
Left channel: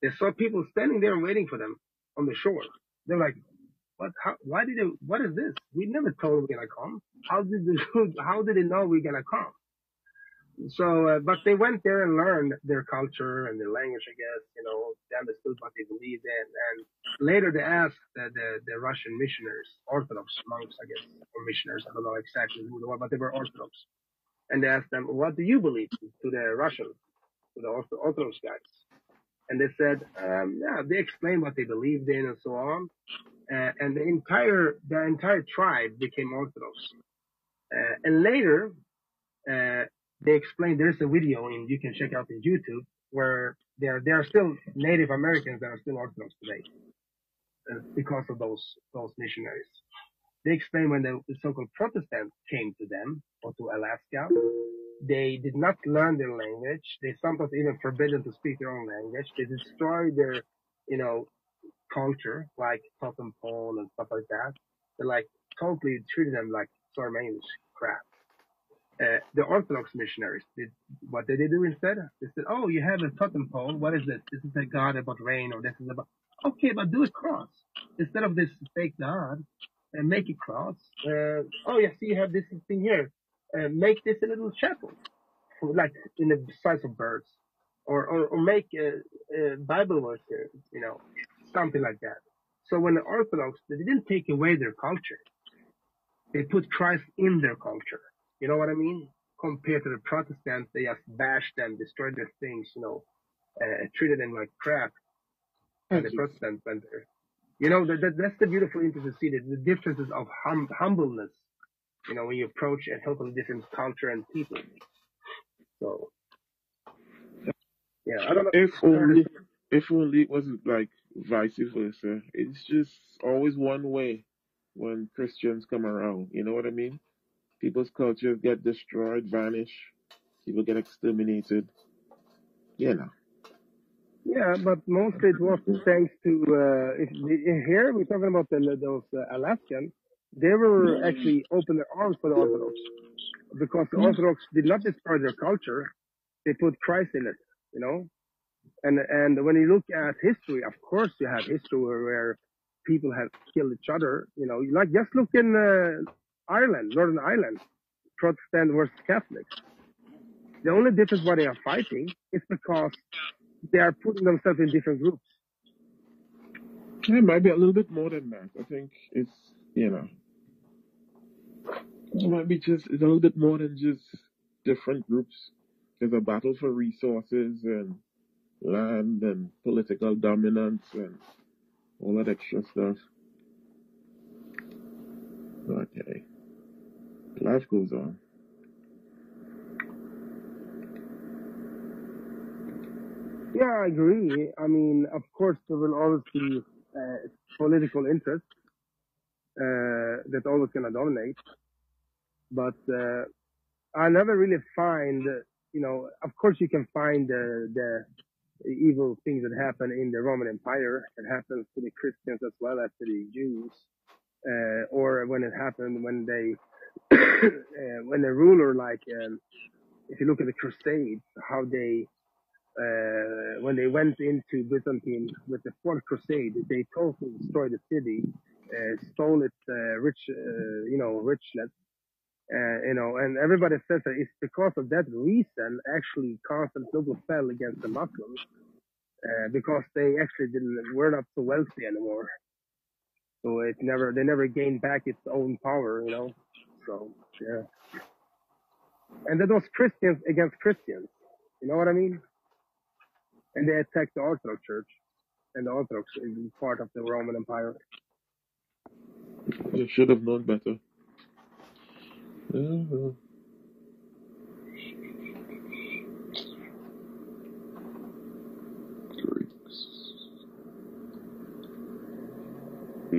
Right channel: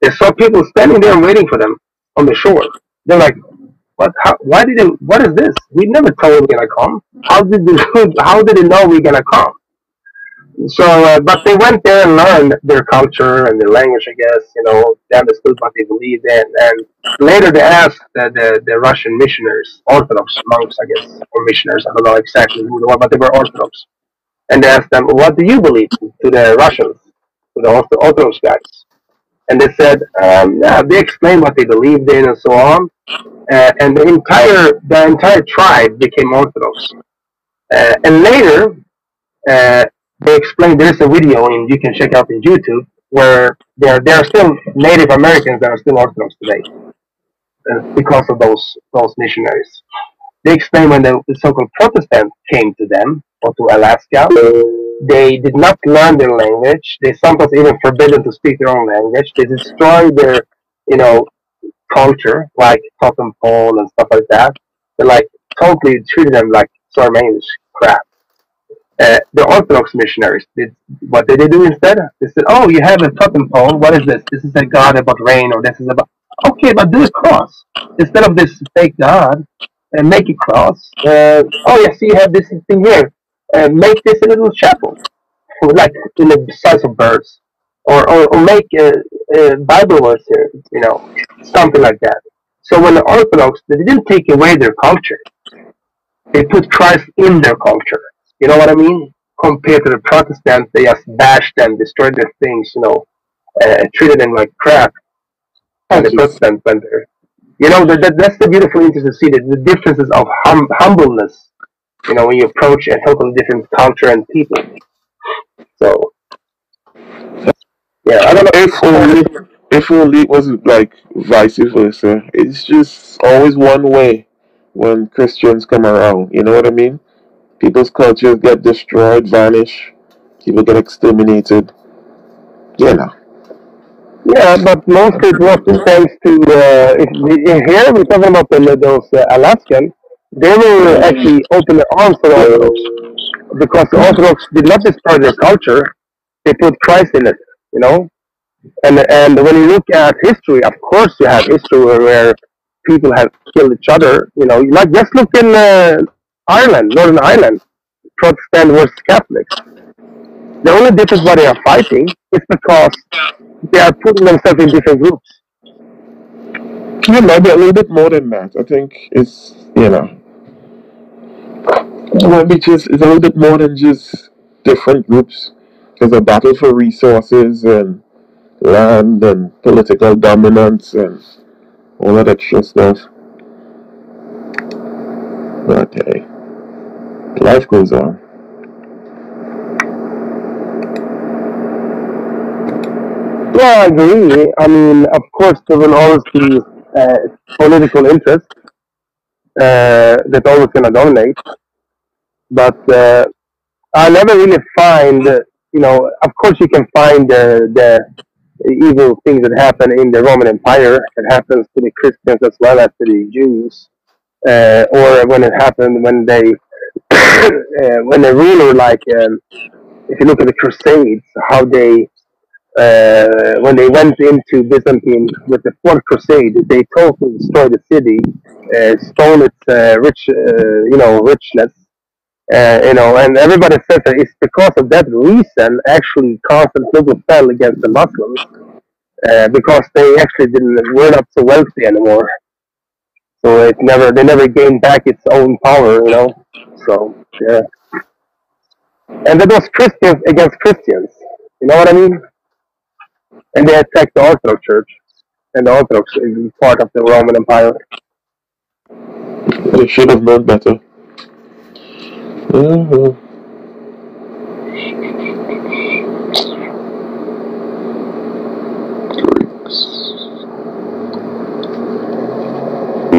They saw people standing there and waiting for them on the shore. They're like, "What? What is this? We never told them we're gonna come. How did they know we're gonna come?" So, but they went there and learned their culture and their language, I guess, you know, they understood what they believed in. And later they asked the Russian missionaries, Orthodox monks, I guess, or missionaries, I don't know exactly who they were, but they were Orthodox. And they asked them, what do you believe, to the Russians, to the Orthodox guys? And they said, they explained what they believed in and so on. And the entire tribe became Orthodox. And later, they explained, there's a video you can check out on YouTube where there are still Native Americans that are still Orthodox today because of those missionaries. They explained when the so-called Protestants came to them, or to Alaska, they did not learn their language. They sometimes even forbidden to speak their own language. They destroyed their, you know, culture, like totem pole and stuff like that. They like totally treated them like Sarmanish crap. The Orthodox missionaries what did they do instead? They said, "Oh, you have a totem pole. What is this? This is a god about rain, or this is about okay, but do a cross instead of this fake god, and make a cross. Oh, yeah, see, you have this thing here. Make this a little chapel, like in the size of birds, or make a Bible verse here, you know, something like that." So when the Orthodox, they didn't take away their culture; they put Christ in their culture. You know what I mean? Compared to the Protestants, they just bashed them, destroyed their things, you know, treated them like crap. And the Protestants went there. You know, that's the beautiful interest to see the differences of humbleness, you know, when you approach a totally different culture and people. So, yeah, I don't know. If only it wasn't like vice versa. It's just always one way when Christians come around. You know what I mean? People's cultures get destroyed, vanish. People get exterminated. You know. Yeah, but mostly it was thanks to, here we're talking about those Alaskan, they were actually open their arms for the Orthodox. Because the Orthodox did not destroy their culture, they put Christ in it, you know? And when you look at history, of course you have history where people have killed each other. Like just look in Ireland, Northern Ireland, Protestant versus Catholics. The only difference why they are fighting is because they are putting themselves in different groups. Yeah, maybe a little bit more than that. I think it's maybe it's a little bit more than just different groups. There's a battle for resources and land and political dominance and all that extra stuff. But hey, life goes on. Yeah, I agree. I mean, of course, there will always be political interest that's always going to dominate. But I never really find, of course, you can find the evil things that happen in the Roman Empire. It happens to the Christians as well as to the Jews, or when it happened when they, when a ruler like, if you look at the Crusades, how they, when they went into Byzantine with the Fourth Crusade, they totally destroyed the city, stole its richness. And everybody says that it's because of that reason actually Constantinople fell against the Muslims, because they actually were not so wealthy anymore. So they never gained back its own power, So yeah, and that was Christians against Christians. You know what I mean? And they attacked the Orthodox Church, and the Orthodox is part of the Roman Empire. They should have known better. Mm-hmm.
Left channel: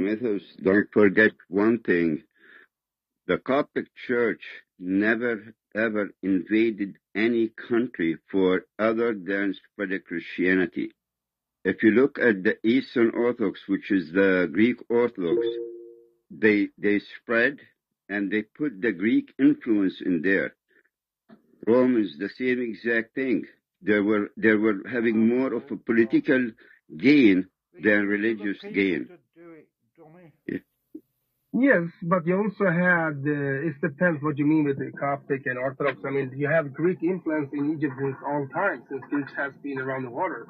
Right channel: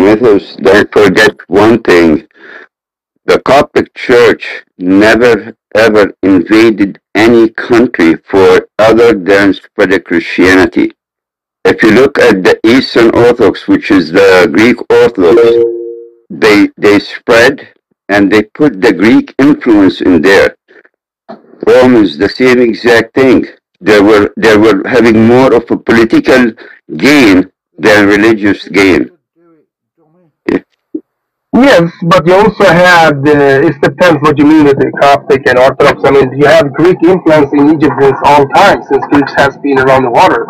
Mythos, don't forget one thing. The Coptic Church never ever invaded any country for other than spread Christianity. If you look at the Eastern Orthodox, which is the Greek Orthodox, they spread and they put the Greek influence in there. Romans, the same exact thing. They were having more of a political gain than religious gain. Yes, but you also have it depends what you mean with the Coptic and Orthodox. I mean, you have Greek influence in Egypt since all time, since Greeks has been around the water.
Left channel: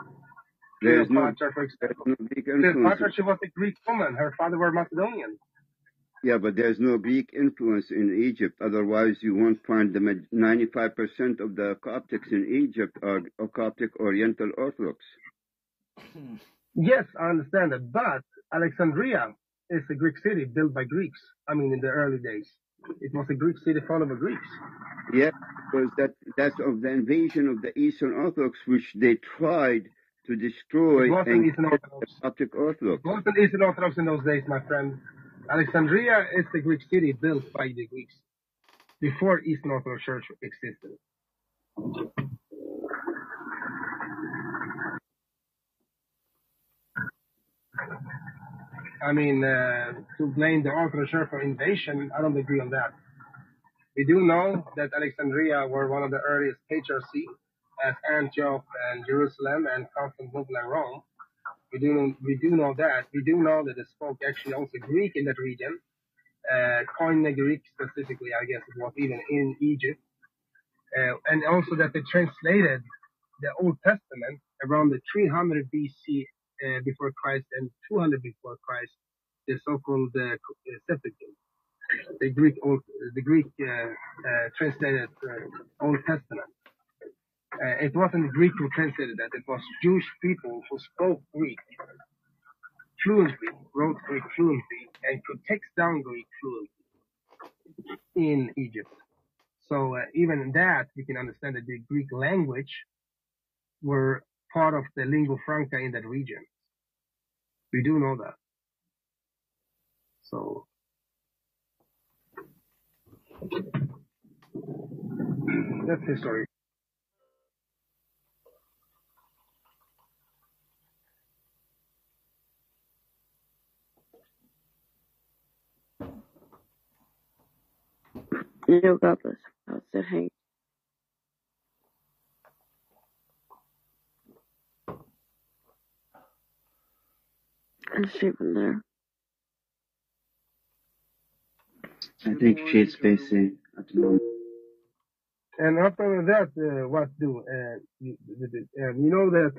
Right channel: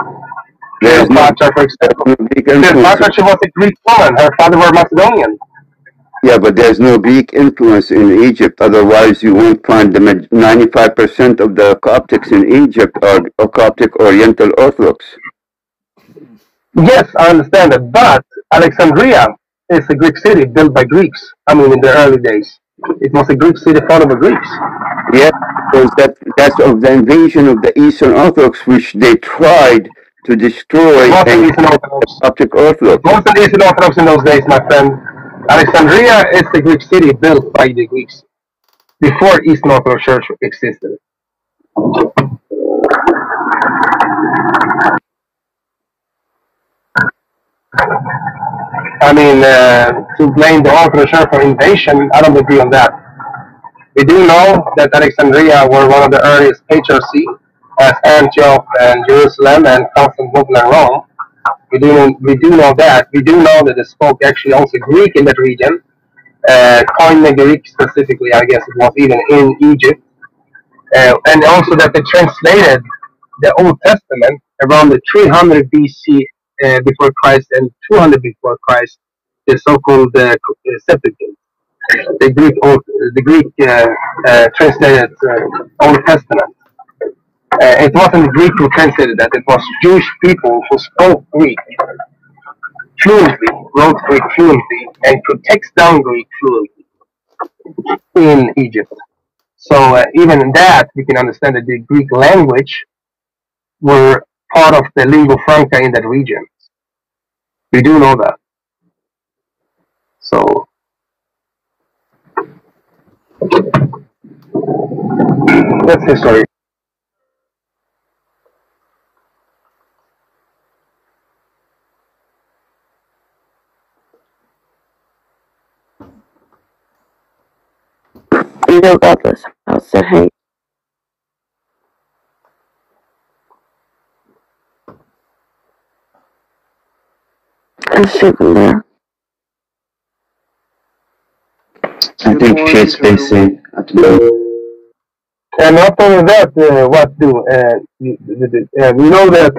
Cleopatra, for example. Cleopatra, she was a Greek woman. Her father was Macedonian. Yeah, but there's no Greek influence in Egypt. Otherwise, you won't find the 95% of the Coptics in Egypt are Coptic Oriental Orthodox. Yes, I understand that. But Alexandria is a Greek city built by Greeks. I mean, in the early days. It was a Greek city founded by Greeks. Yeah, because that's of the invasion of the Eastern Orthodox, which they tried to destroy the Coptic Orthodox. Most of the Eastern Orthodox in those days, my friend, Alexandria is the Greek city built by the Greeks before Eastern Orthodox Church existed. I mean, to blame the Orthodox Church for invasion, I don't agree on that. We do know that Alexandria were one of the earliest patriarchy, as Antioch and Jerusalem and Constantinople and Rome. We do know that. We do know that they spoke actually also Greek in that region. Koine Greek specifically, I guess it was even in Egypt. And also that they translated the Old Testament around the 300 BC before Christ and 200 before Christ, the so-called Septuagint. The Greek translated Old Testament. It wasn't the Greek who translated that. It was Jewish people who spoke Greek fluently, wrote Greek fluently, and could text down Greek fluently in Egypt. So even in that, we can understand that the Greek language were part of the lingua franca in that region. We do know that. So that's history. You know about this house that hangs. I was sleeping there. I think she's busy at the moment. And not only that, we know that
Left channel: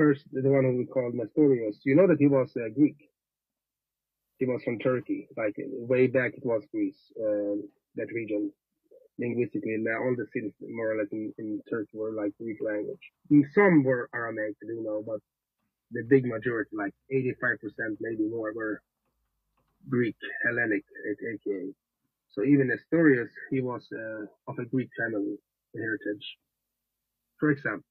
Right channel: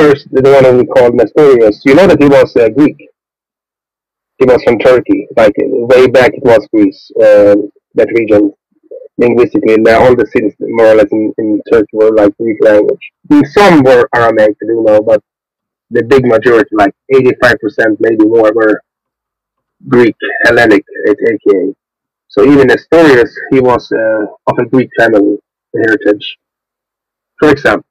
first the one we called Nestorius. You know that he was Greek. He was from Turkey. Like way back, it was Greece. That region, linguistically, all the cities more or less in Turkey were like Greek language. Some were Aramaic, you know, but the big majority, like 85%, maybe more, were Greek, Hellenic, aka. So even Nestorius, he was of a Greek family heritage. For example.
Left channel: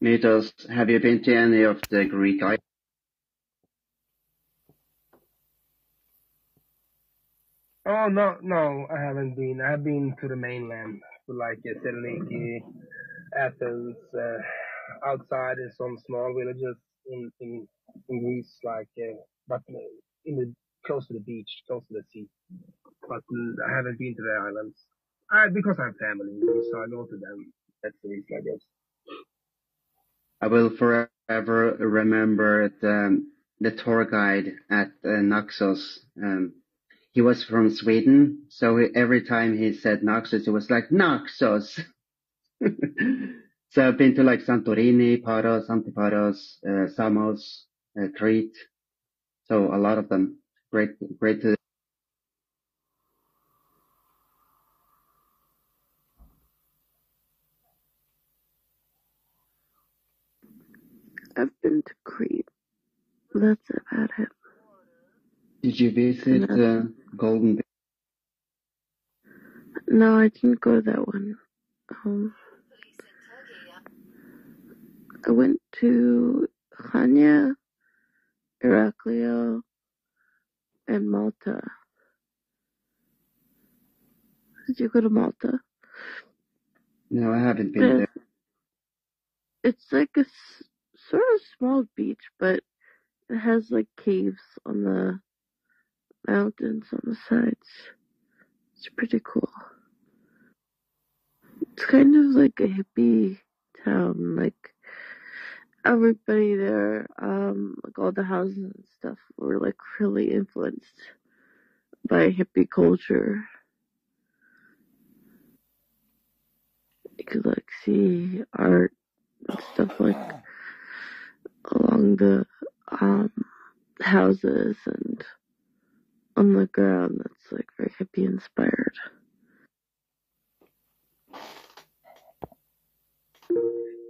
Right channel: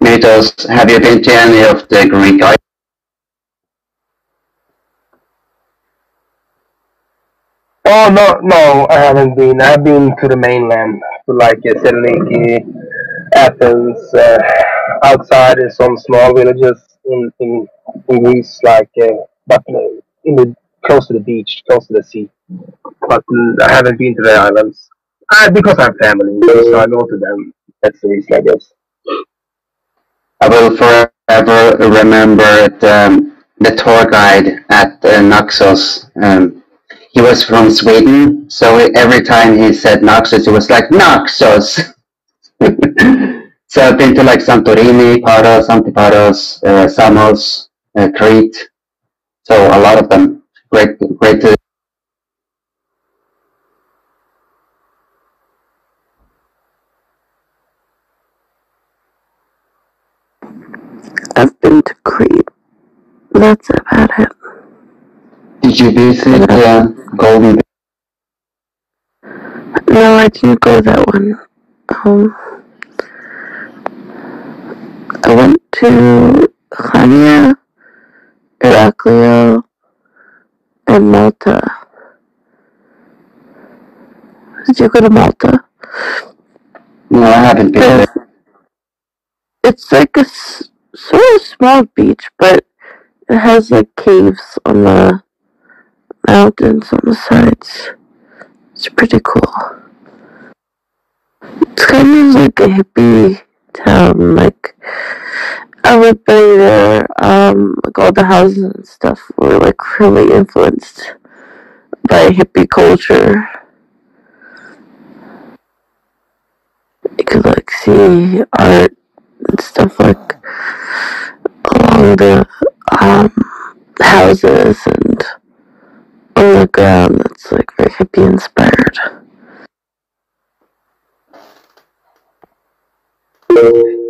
Mythos, have you been to any of the Greek islands? Oh, no, I haven't been. I've been to the mainland, to like Thessaloniki, Athens, outside some small villages in Greece, like, but close to the beach, close to the sea. But I haven't been to the islands. Because I have family, so I go to them. That's the reason, I guess. I will forever remember the tour guide at Naxos. He was from Sweden, so every time he said Naxos, it was like Naxos. So I've been to like Santorini, Paros, Antiparos, Samos, Crete. So a lot of them. Great to. I've been to Crete. That's about it. Did you visit Golden? No, I didn't go that one. I went to Chania, Heraclio, and Malta. Did you go to Malta? No, I haven't been there. It's like a sort of small beach, but it has like caves on the mountains on the sides. It's pretty cool. It's kind of like a hippie town. Like everybody there, like all the houses and stuff were like really influenced by hippie culture. You could like see art and stuff like along the houses and on the ground that's like very hippie inspired.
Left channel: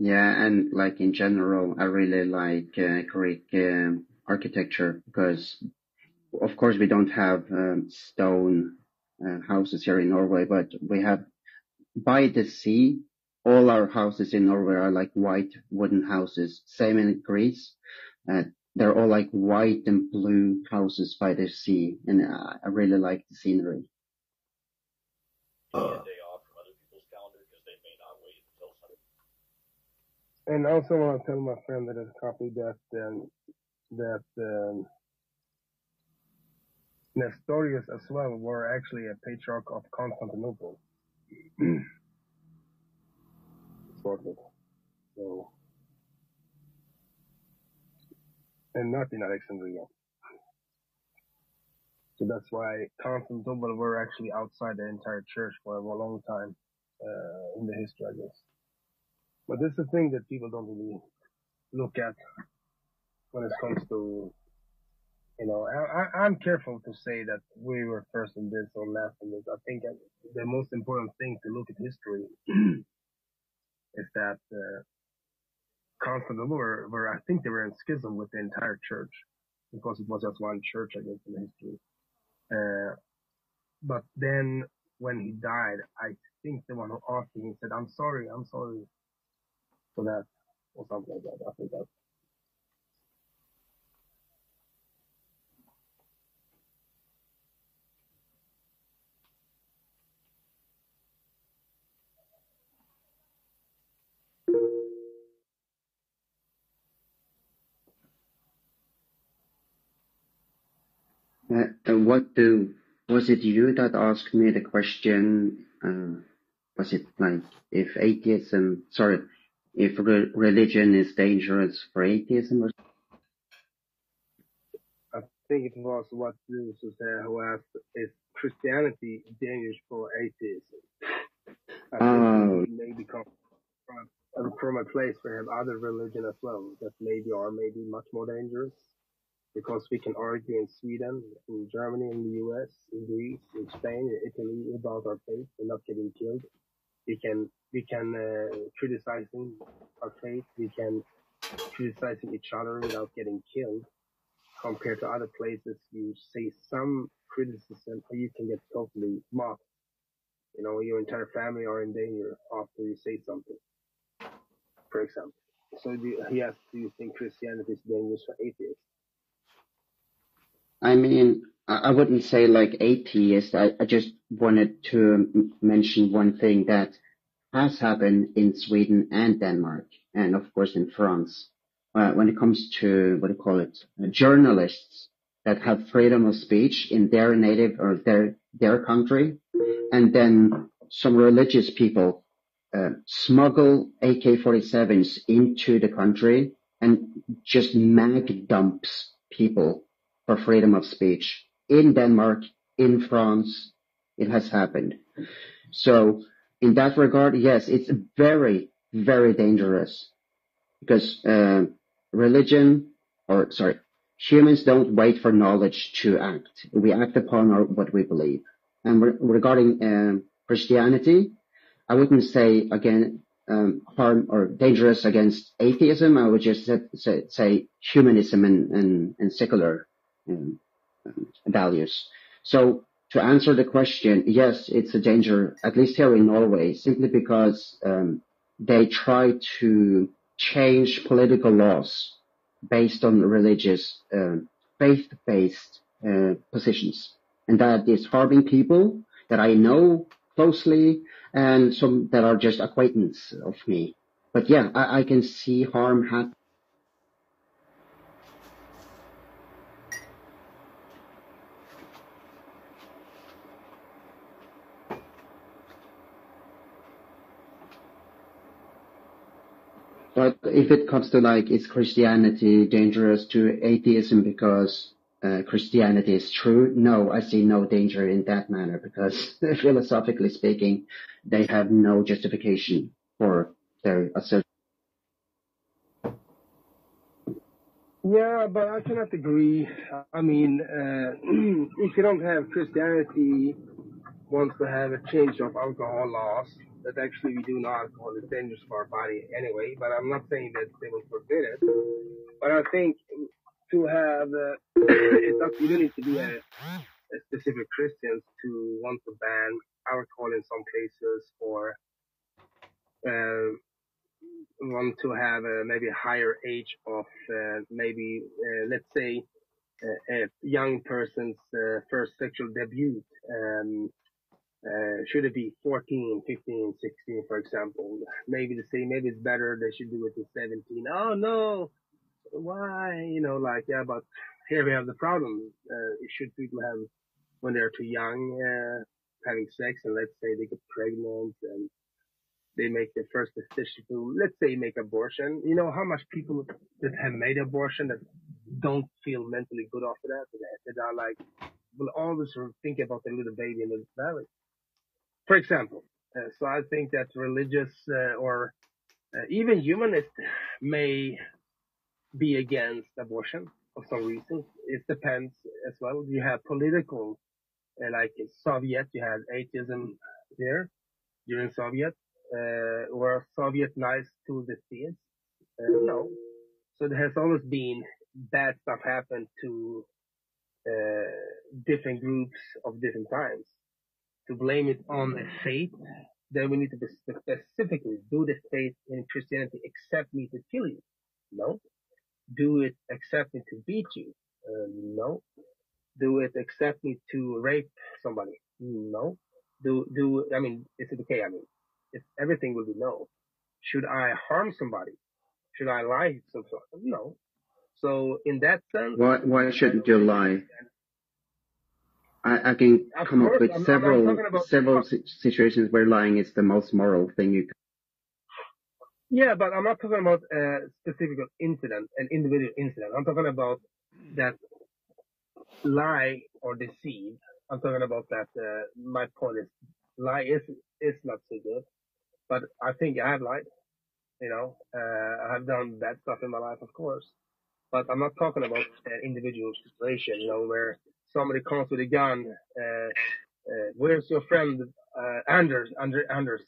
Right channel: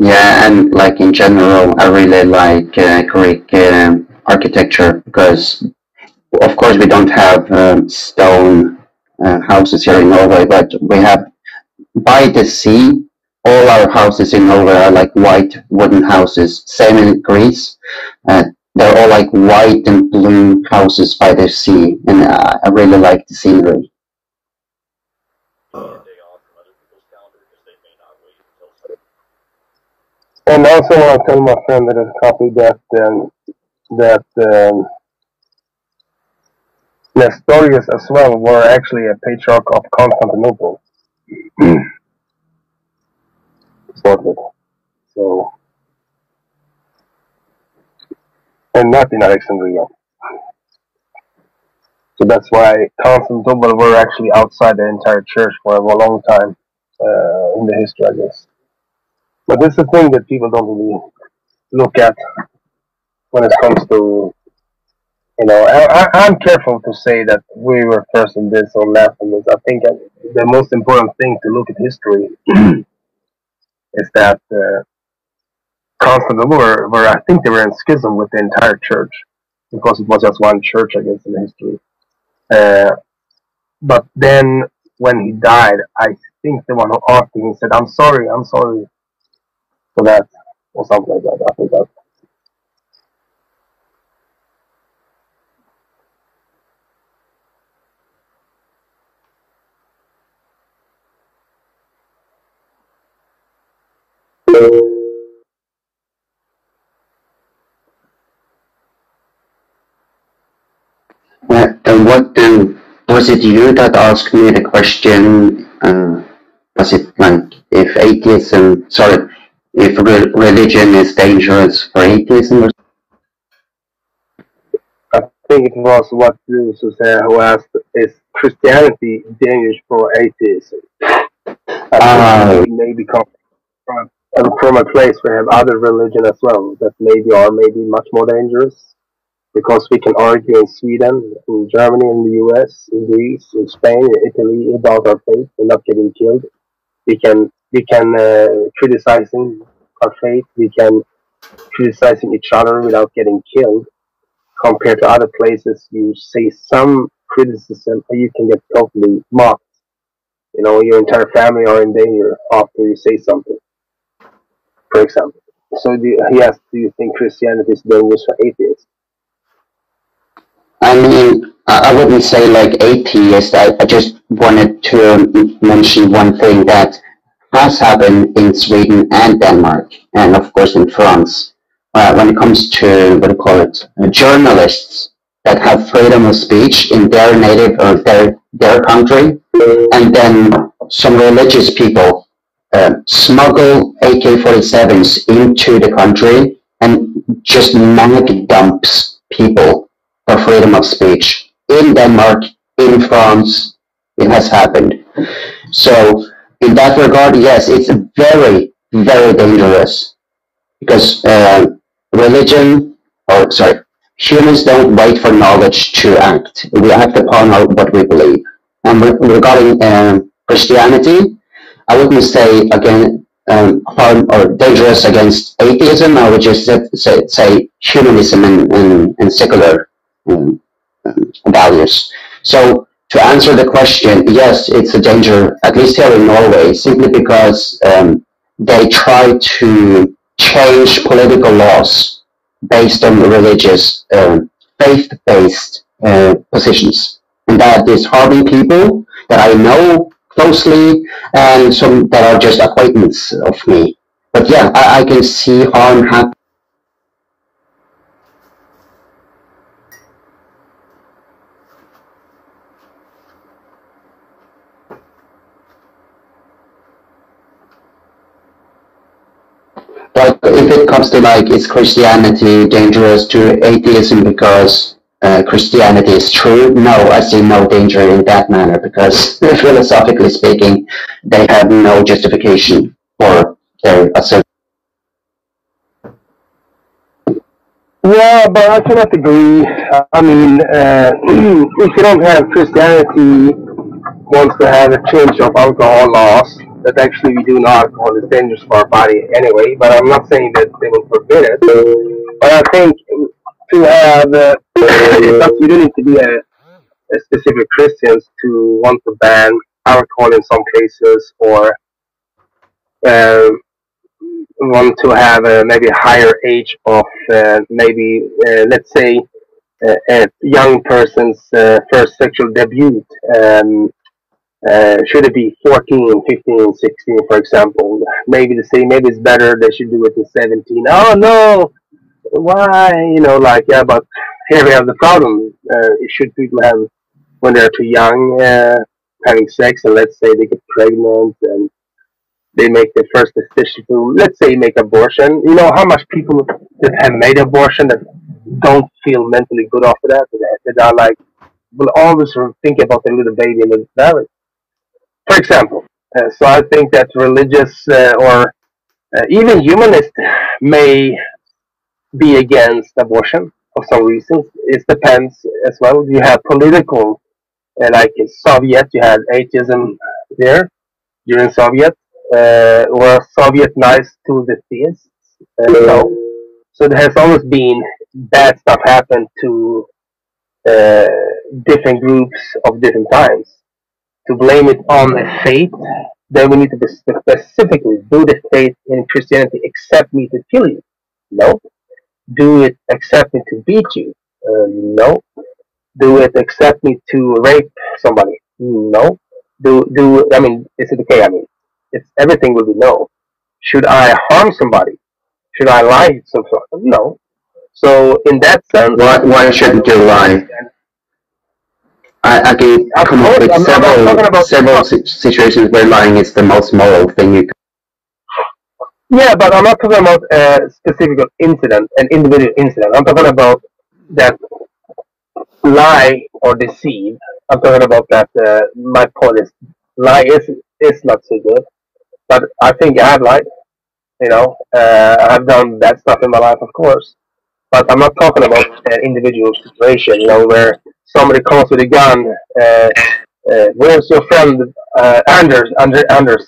Yeah, and like in general, I really like Greek architecture because, of course, we don't have stone houses here in Norway, but we have by the sea. All our houses in Norway are like white wooden houses. Same in Greece. They're all like white and blue houses by the sea, and I really like the scenery. And I also want to tell my friend that has copied that Nestorius as well were actually a patriarch of Constantinople. So, and not in Alexandria. So that's why Constantinople were actually outside the entire church for a long time in the history, I guess. But this is the thing that people don't really look at when it comes to, you know, I'm careful to say that we were first in this or last in this. I think the most important thing to look at history is that Constantinople were, I think they were in schism with the entire church because it was just one church, I guess, in the history. But then when he died, I think the one who asked him said, I'm sorry for that, or something like that. I think that. And what was it you that asked me the question? Was it Like if religion is dangerous for atheism. I think it was what Susanna who asked, is Christianity dangerous for atheism? Maybe come from a place where we have other religion as well that maybe are much more dangerous, because we can argue in Sweden, in Germany, in the US, in Greece, in Spain, in Italy about our faith and not getting killed. We can criticizing our faith. We can criticizing each other without getting killed. Compared to other places, you say some criticism and you can get totally mocked. You know, your entire family are in danger after you say something, for example. So he asked, do you think Christianity is dangerous for atheists? I mean, I wouldn't say like atheist. I just wanted to mention one thing that has happened in Sweden and Denmark, and of course in France. When it comes to, journalists that have freedom of speech in their native or their country, and then some religious people smuggle AK-47s into the country and just mag dumps people for freedom of speech. In Denmark, in France, it has happened. So in that regard, yes, it's very, very dangerous, because humans don't wait for knowledge to act. We act upon what we believe. And regarding Christianity, I wouldn't say again harm or dangerous against atheism. I would just say humanism and secular values. So to answer the question, yes, it's a danger, at least here in Norway, simply because they try to change political laws based on religious, faith-based positions. And that is harming people that I know closely and some that are just acquaintance of me. But yeah, I can see harm happen. But if it comes to like, is Christianity dangerous to atheism because Christianity is true? No, I see no danger in that manner, because philosophically speaking, they have no justification for their assertion. Yeah, but I cannot agree. I mean, if you don't have Christianity wants to have a change of alcohol laws, that actually we do not alcohol is dangerous for our body anyway, but I'm not saying that they will forbid it. But I think to have, you don't need to be a specific Christians to want to ban alcohol in some cases, or want to have maybe a higher age of let's say a young person's first sexual debut. Should it be 14, 15, 16, for example? Maybe they say maybe it's better they should do it at 17. Oh no, why? You know, like, yeah, but here we have the problem. Should people have, when they're too young, having sex, and let's say they get pregnant and they make their first decision to, let's say, make abortion. You know how much people that have made abortion that don't feel mentally good after that? That are like, will always think about their little baby in the belly, for example. So I think that religious or even humanists may be against abortion for some reasons. It depends as well. You have political, like in Soviet, you had atheism there during Soviet. Were Soviet nice to the theists? No. So there has always been bad stuff happen to different groups of different times. To blame it on a faith, then we need to be specifically, do the faith in Christianity accept me to kill you? No. Do it accept me to beat you? No. Do it accept me to rape somebody? No. I mean, is it okay? I mean, everything will be no. Should I harm somebody? Should I lie? No. So in that sense, why shouldn't you lie? I can come up with several situations where lying is the most moral thing you can. Yeah, but I'm not talking about a specific incident, an individual incident. I'm talking about that lie or deceive. I'm talking about that. My point is, lie is not so good, but I think I've lied. I've done bad stuff in my life, of course. But I'm not talking about an individual situation, where somebody comes with a gun. Where's your friend Anders? Anders,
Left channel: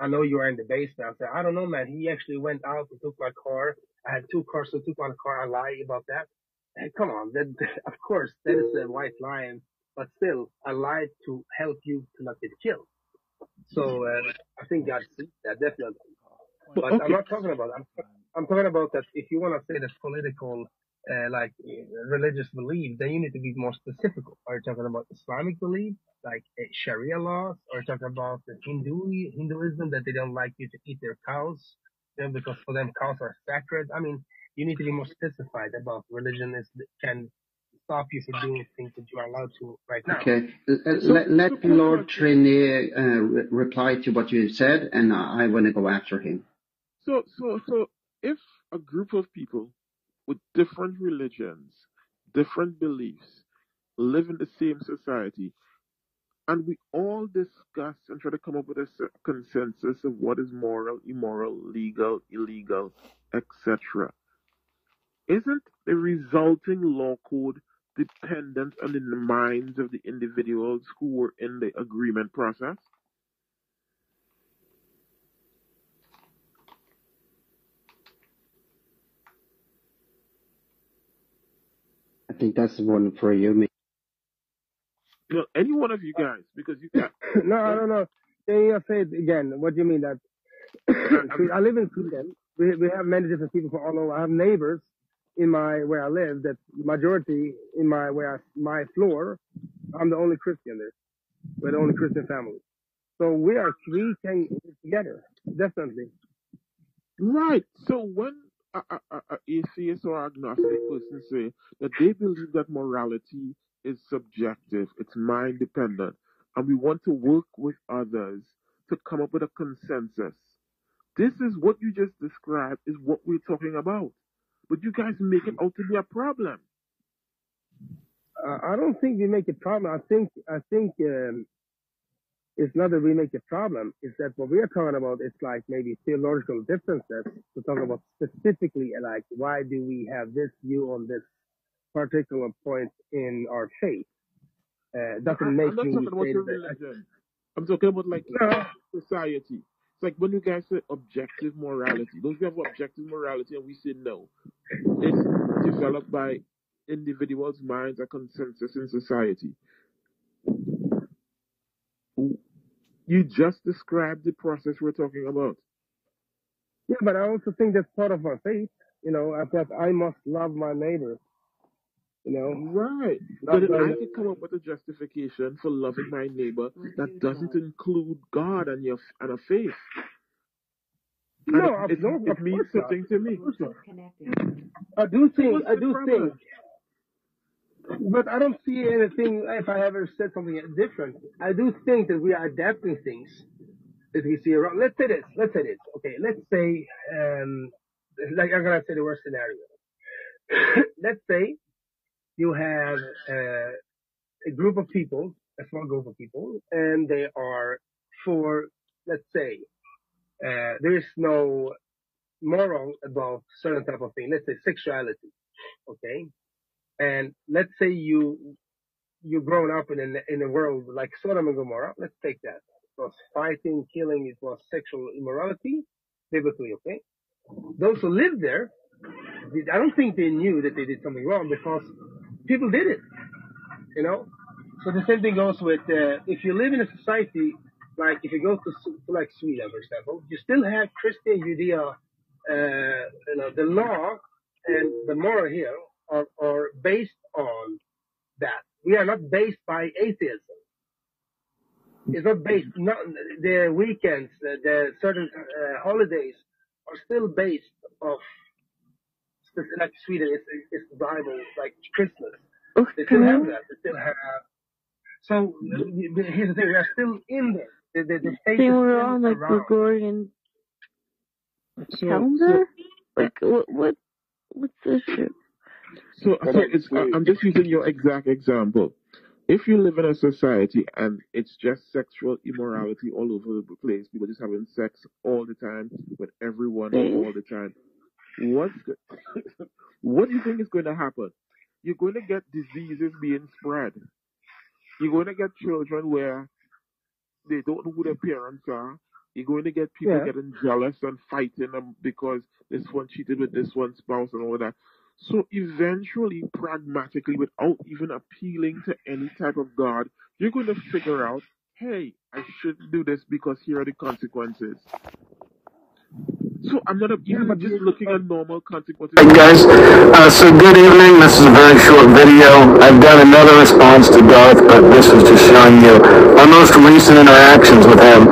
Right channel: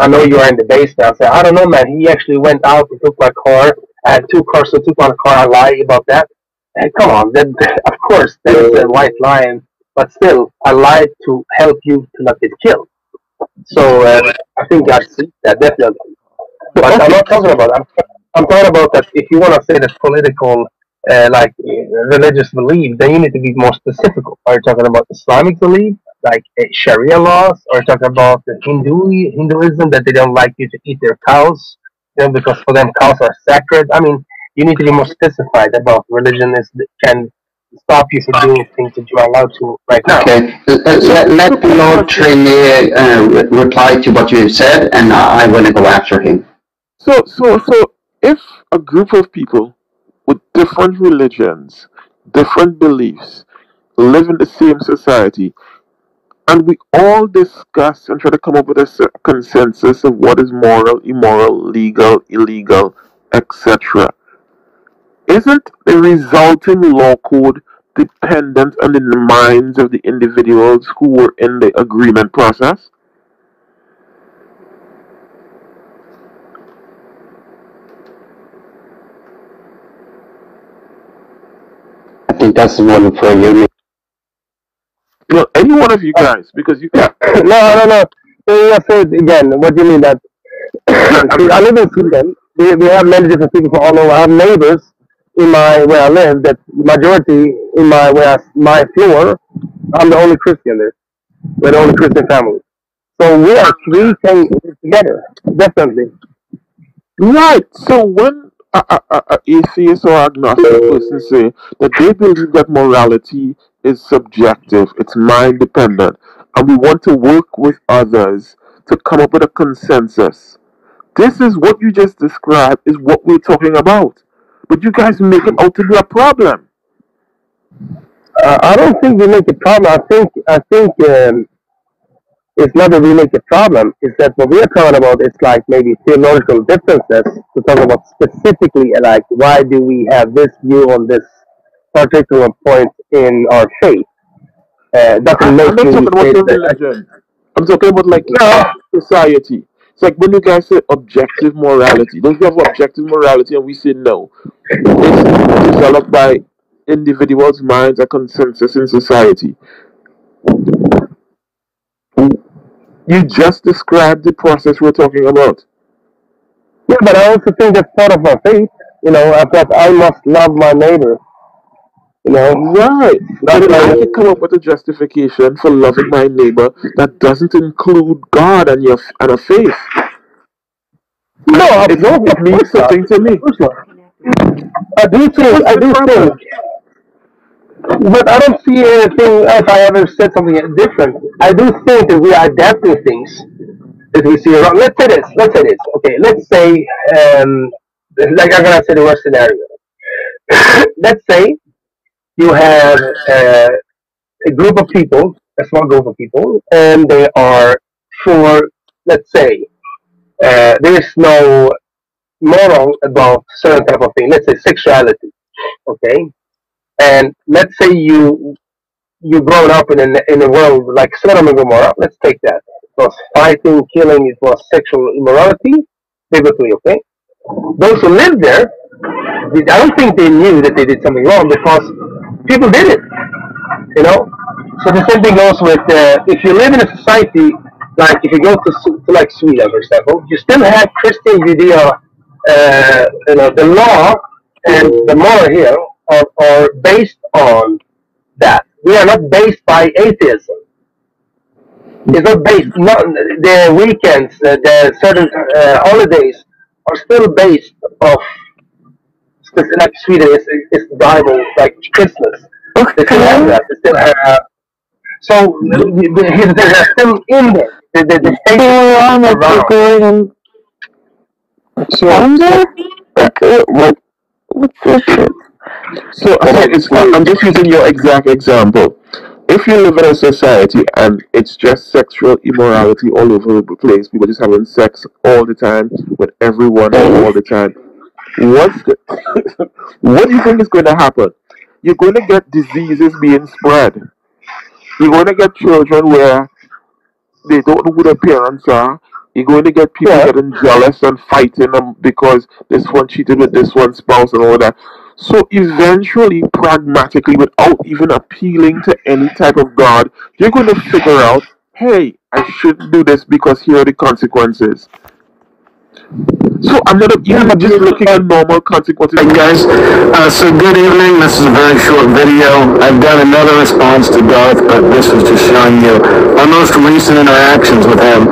I know you are in the base now. So I don't know, man. He actually went out and took my car. I had 2 cars, so took my car. I lie about that. Come on, of course, that is a white lie, but still, I lied to help you to not get killed. So I think I see that definitely. But I'm not talking about that. I'm talking about that if you want to say that political, religious belief, then you need to be more specific. Are you talking about Islamic belief, like Sharia laws? Or are you talking about the Hinduism, that they don't like you to eat their cows, because for them cows are sacred? I mean, you need to be more specified about religion can stop you from doing things that you are allowed to right now. Okay, let Lord Trini reply to what you said, and I want to go after him. So if a group of people with different religions, different beliefs, live in the same society, and we all discuss and try to come up with a consensus of what is moral, immoral, legal, illegal, etc., isn't the resulting law code dependent on the minds of the individuals who were in the agreement process? I think that's the one for you. Any one of you guys, because you can. No. Let's say it again. What do you mean that? I live in Sweden. We have many different people from all over. I have neighbors where I live. That majority in my floor, I'm the only Christian there. We're the only Christian family. So we can live together, definitely. Right. So when a atheist or agnostic person say that they believe that morality is subjective, it's mind dependent, and we want to work with others to come up with a consensus. This is what you just described is what we're talking about. But you guys make it out to be a problem. I don't think we make a problem. I think it's not that we make a problem. It's that what we are talking about is like maybe theological differences. To talk about specifically, like why do we have this view on this particular point in our faith? I'm not talking about your religion. I'm talking about like society. It's like when you guys say objective morality. Don't you have objective morality? And we say no. It's developed by individuals' minds, a consensus in society. You just described the process we're talking about. Yeah, but I also think that's part of my faith. I thought I must love my neighbor. Right. But I can come up with a justification for loving my neighbor that doesn't include God and a faith. No, it means something to me. I do think. But I don't see anything if I ever said something different. I do think that we are adapting things that we see around. Let's say this. Okay, let's say, like I'm going to say the worst scenario. Let's say you have a group of people, a small group of people, and they are for, let's say, there is no moral about certain type of thing. Let's say sexuality, okay? And let's say you grown up in a world like Sodom and Gomorrah. Let's take that. It was fighting, killing. It was sexual immorality, biblically, okay? Those who lived there, I don't think they knew that they did something wrong because people did it, So the same thing goes with if you live in a society like if you go to like Sweden, for example, you still have Christian Judea. The law and the moral here are based on that. We are not based by atheism. It's not based. The weekends, the certain holidays are still based off. Like Sweden is the Bible, like Christmas. They still have that. They still have So they're still in there. The state on like recording calendar? Like, what's this shit? So I'm just using your exact example. If you live in a society and it's just sexual immorality all over the place, people just having sex all the time with everyone all the time, what do you think is going to happen? You're going to get diseases being spread. You're going to get children where they don't know who their parents are. You're going to get people getting jealous and fighting them because this one cheated with this one spouse and all that. So eventually, pragmatically, without even appealing to any type of God, you're going to figure out, hey, I shouldn't do this because here are the consequences. So I'm not even just looking at normal consequences. Hey guys, so good evening. This is a very short video. I've done another response to Darth, but this was just showing you my most recent interactions with him.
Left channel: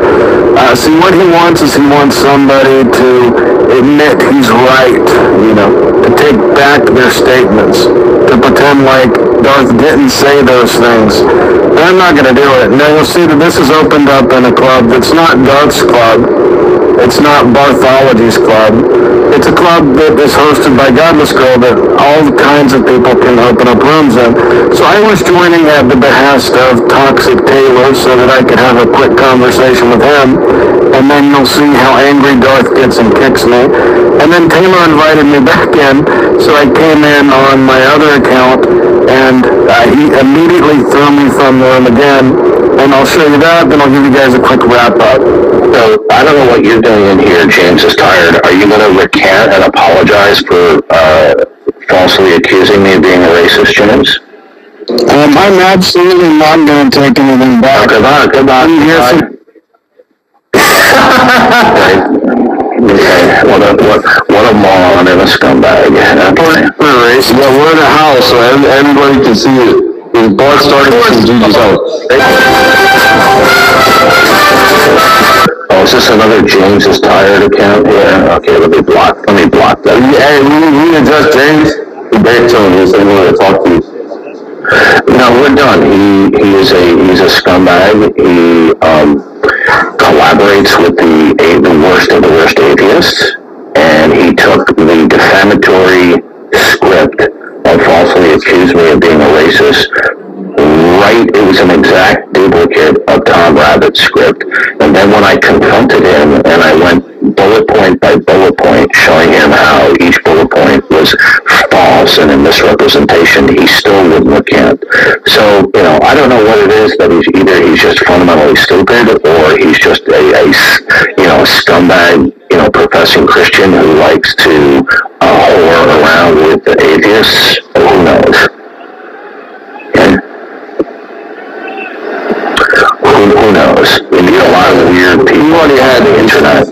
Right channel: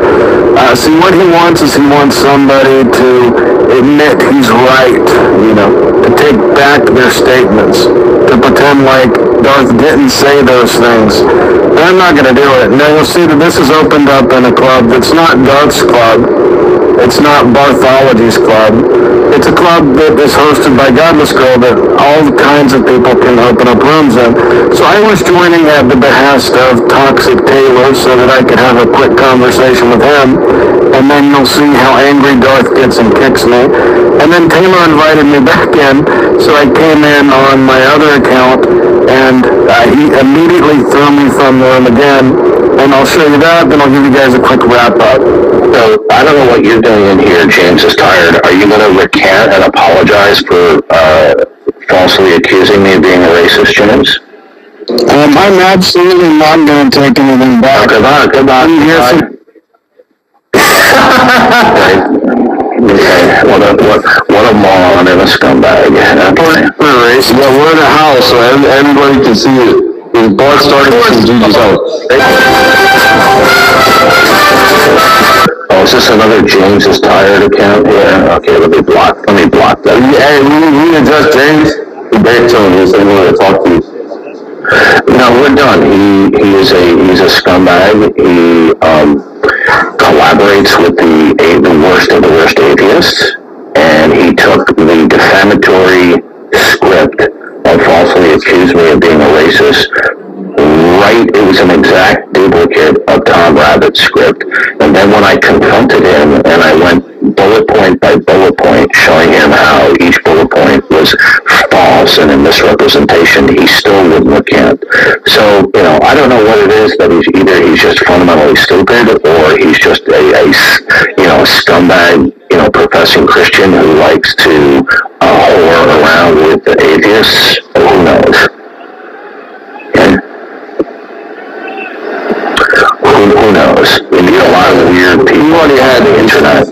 See, what he wants is he wants somebody to admit he's right, you know, to take back their statements, to pretend like Darth didn't say those things. But I'm not going to do it. Now you'll see that this is opened up in a club that's not Darth's club. It's not Barthology's club. It's a club that is hosted by Godless Girl that all kinds of people can open up rooms in. So I was joining at the behest of Toxic Taylor so that I could have a quick conversation with him. And then you'll see how angry Darth gets and kicks me. And then Taylor invited me back in, so I came in on my other account, and he immediately threw me from the room again. And I'll show you that, then I'll give you guys a quick wrap-up. So, I don't know what you're doing in here, James is tired. Are you going to recant and apologize for falsely accusing me of being a racist, James? I'm absolutely not going to take anything back. Goodbye. Okay, what a moron and a scumbag. Okay. Yeah, we're in a house, so everybody can see it. His blood started from Gigi's house. Oh, is this another James is tired account here? Okay, let me block that. Hey, we address James. He begged to him. He said he wanted to talk to you. No, we're done. He's a scumbag. He collaborates with the worst of the worst atheists, and he took the defamatory script and falsely accused me of being a racist. Right, it was an exact duplicate of Tom Rabbit's script. And then when I confronted him and I went bullet point by bullet point, showing him how each bullet point was false and a misrepresentation, he still wouldn't recant. So, you know, I don't know what it is, but he's just fundamentally stupid, or he's just a scumbag, professing Christian who likes to whore around with the atheists. Who knows? Okay? Who knows? We meet a lot of weird people. You already had the internet.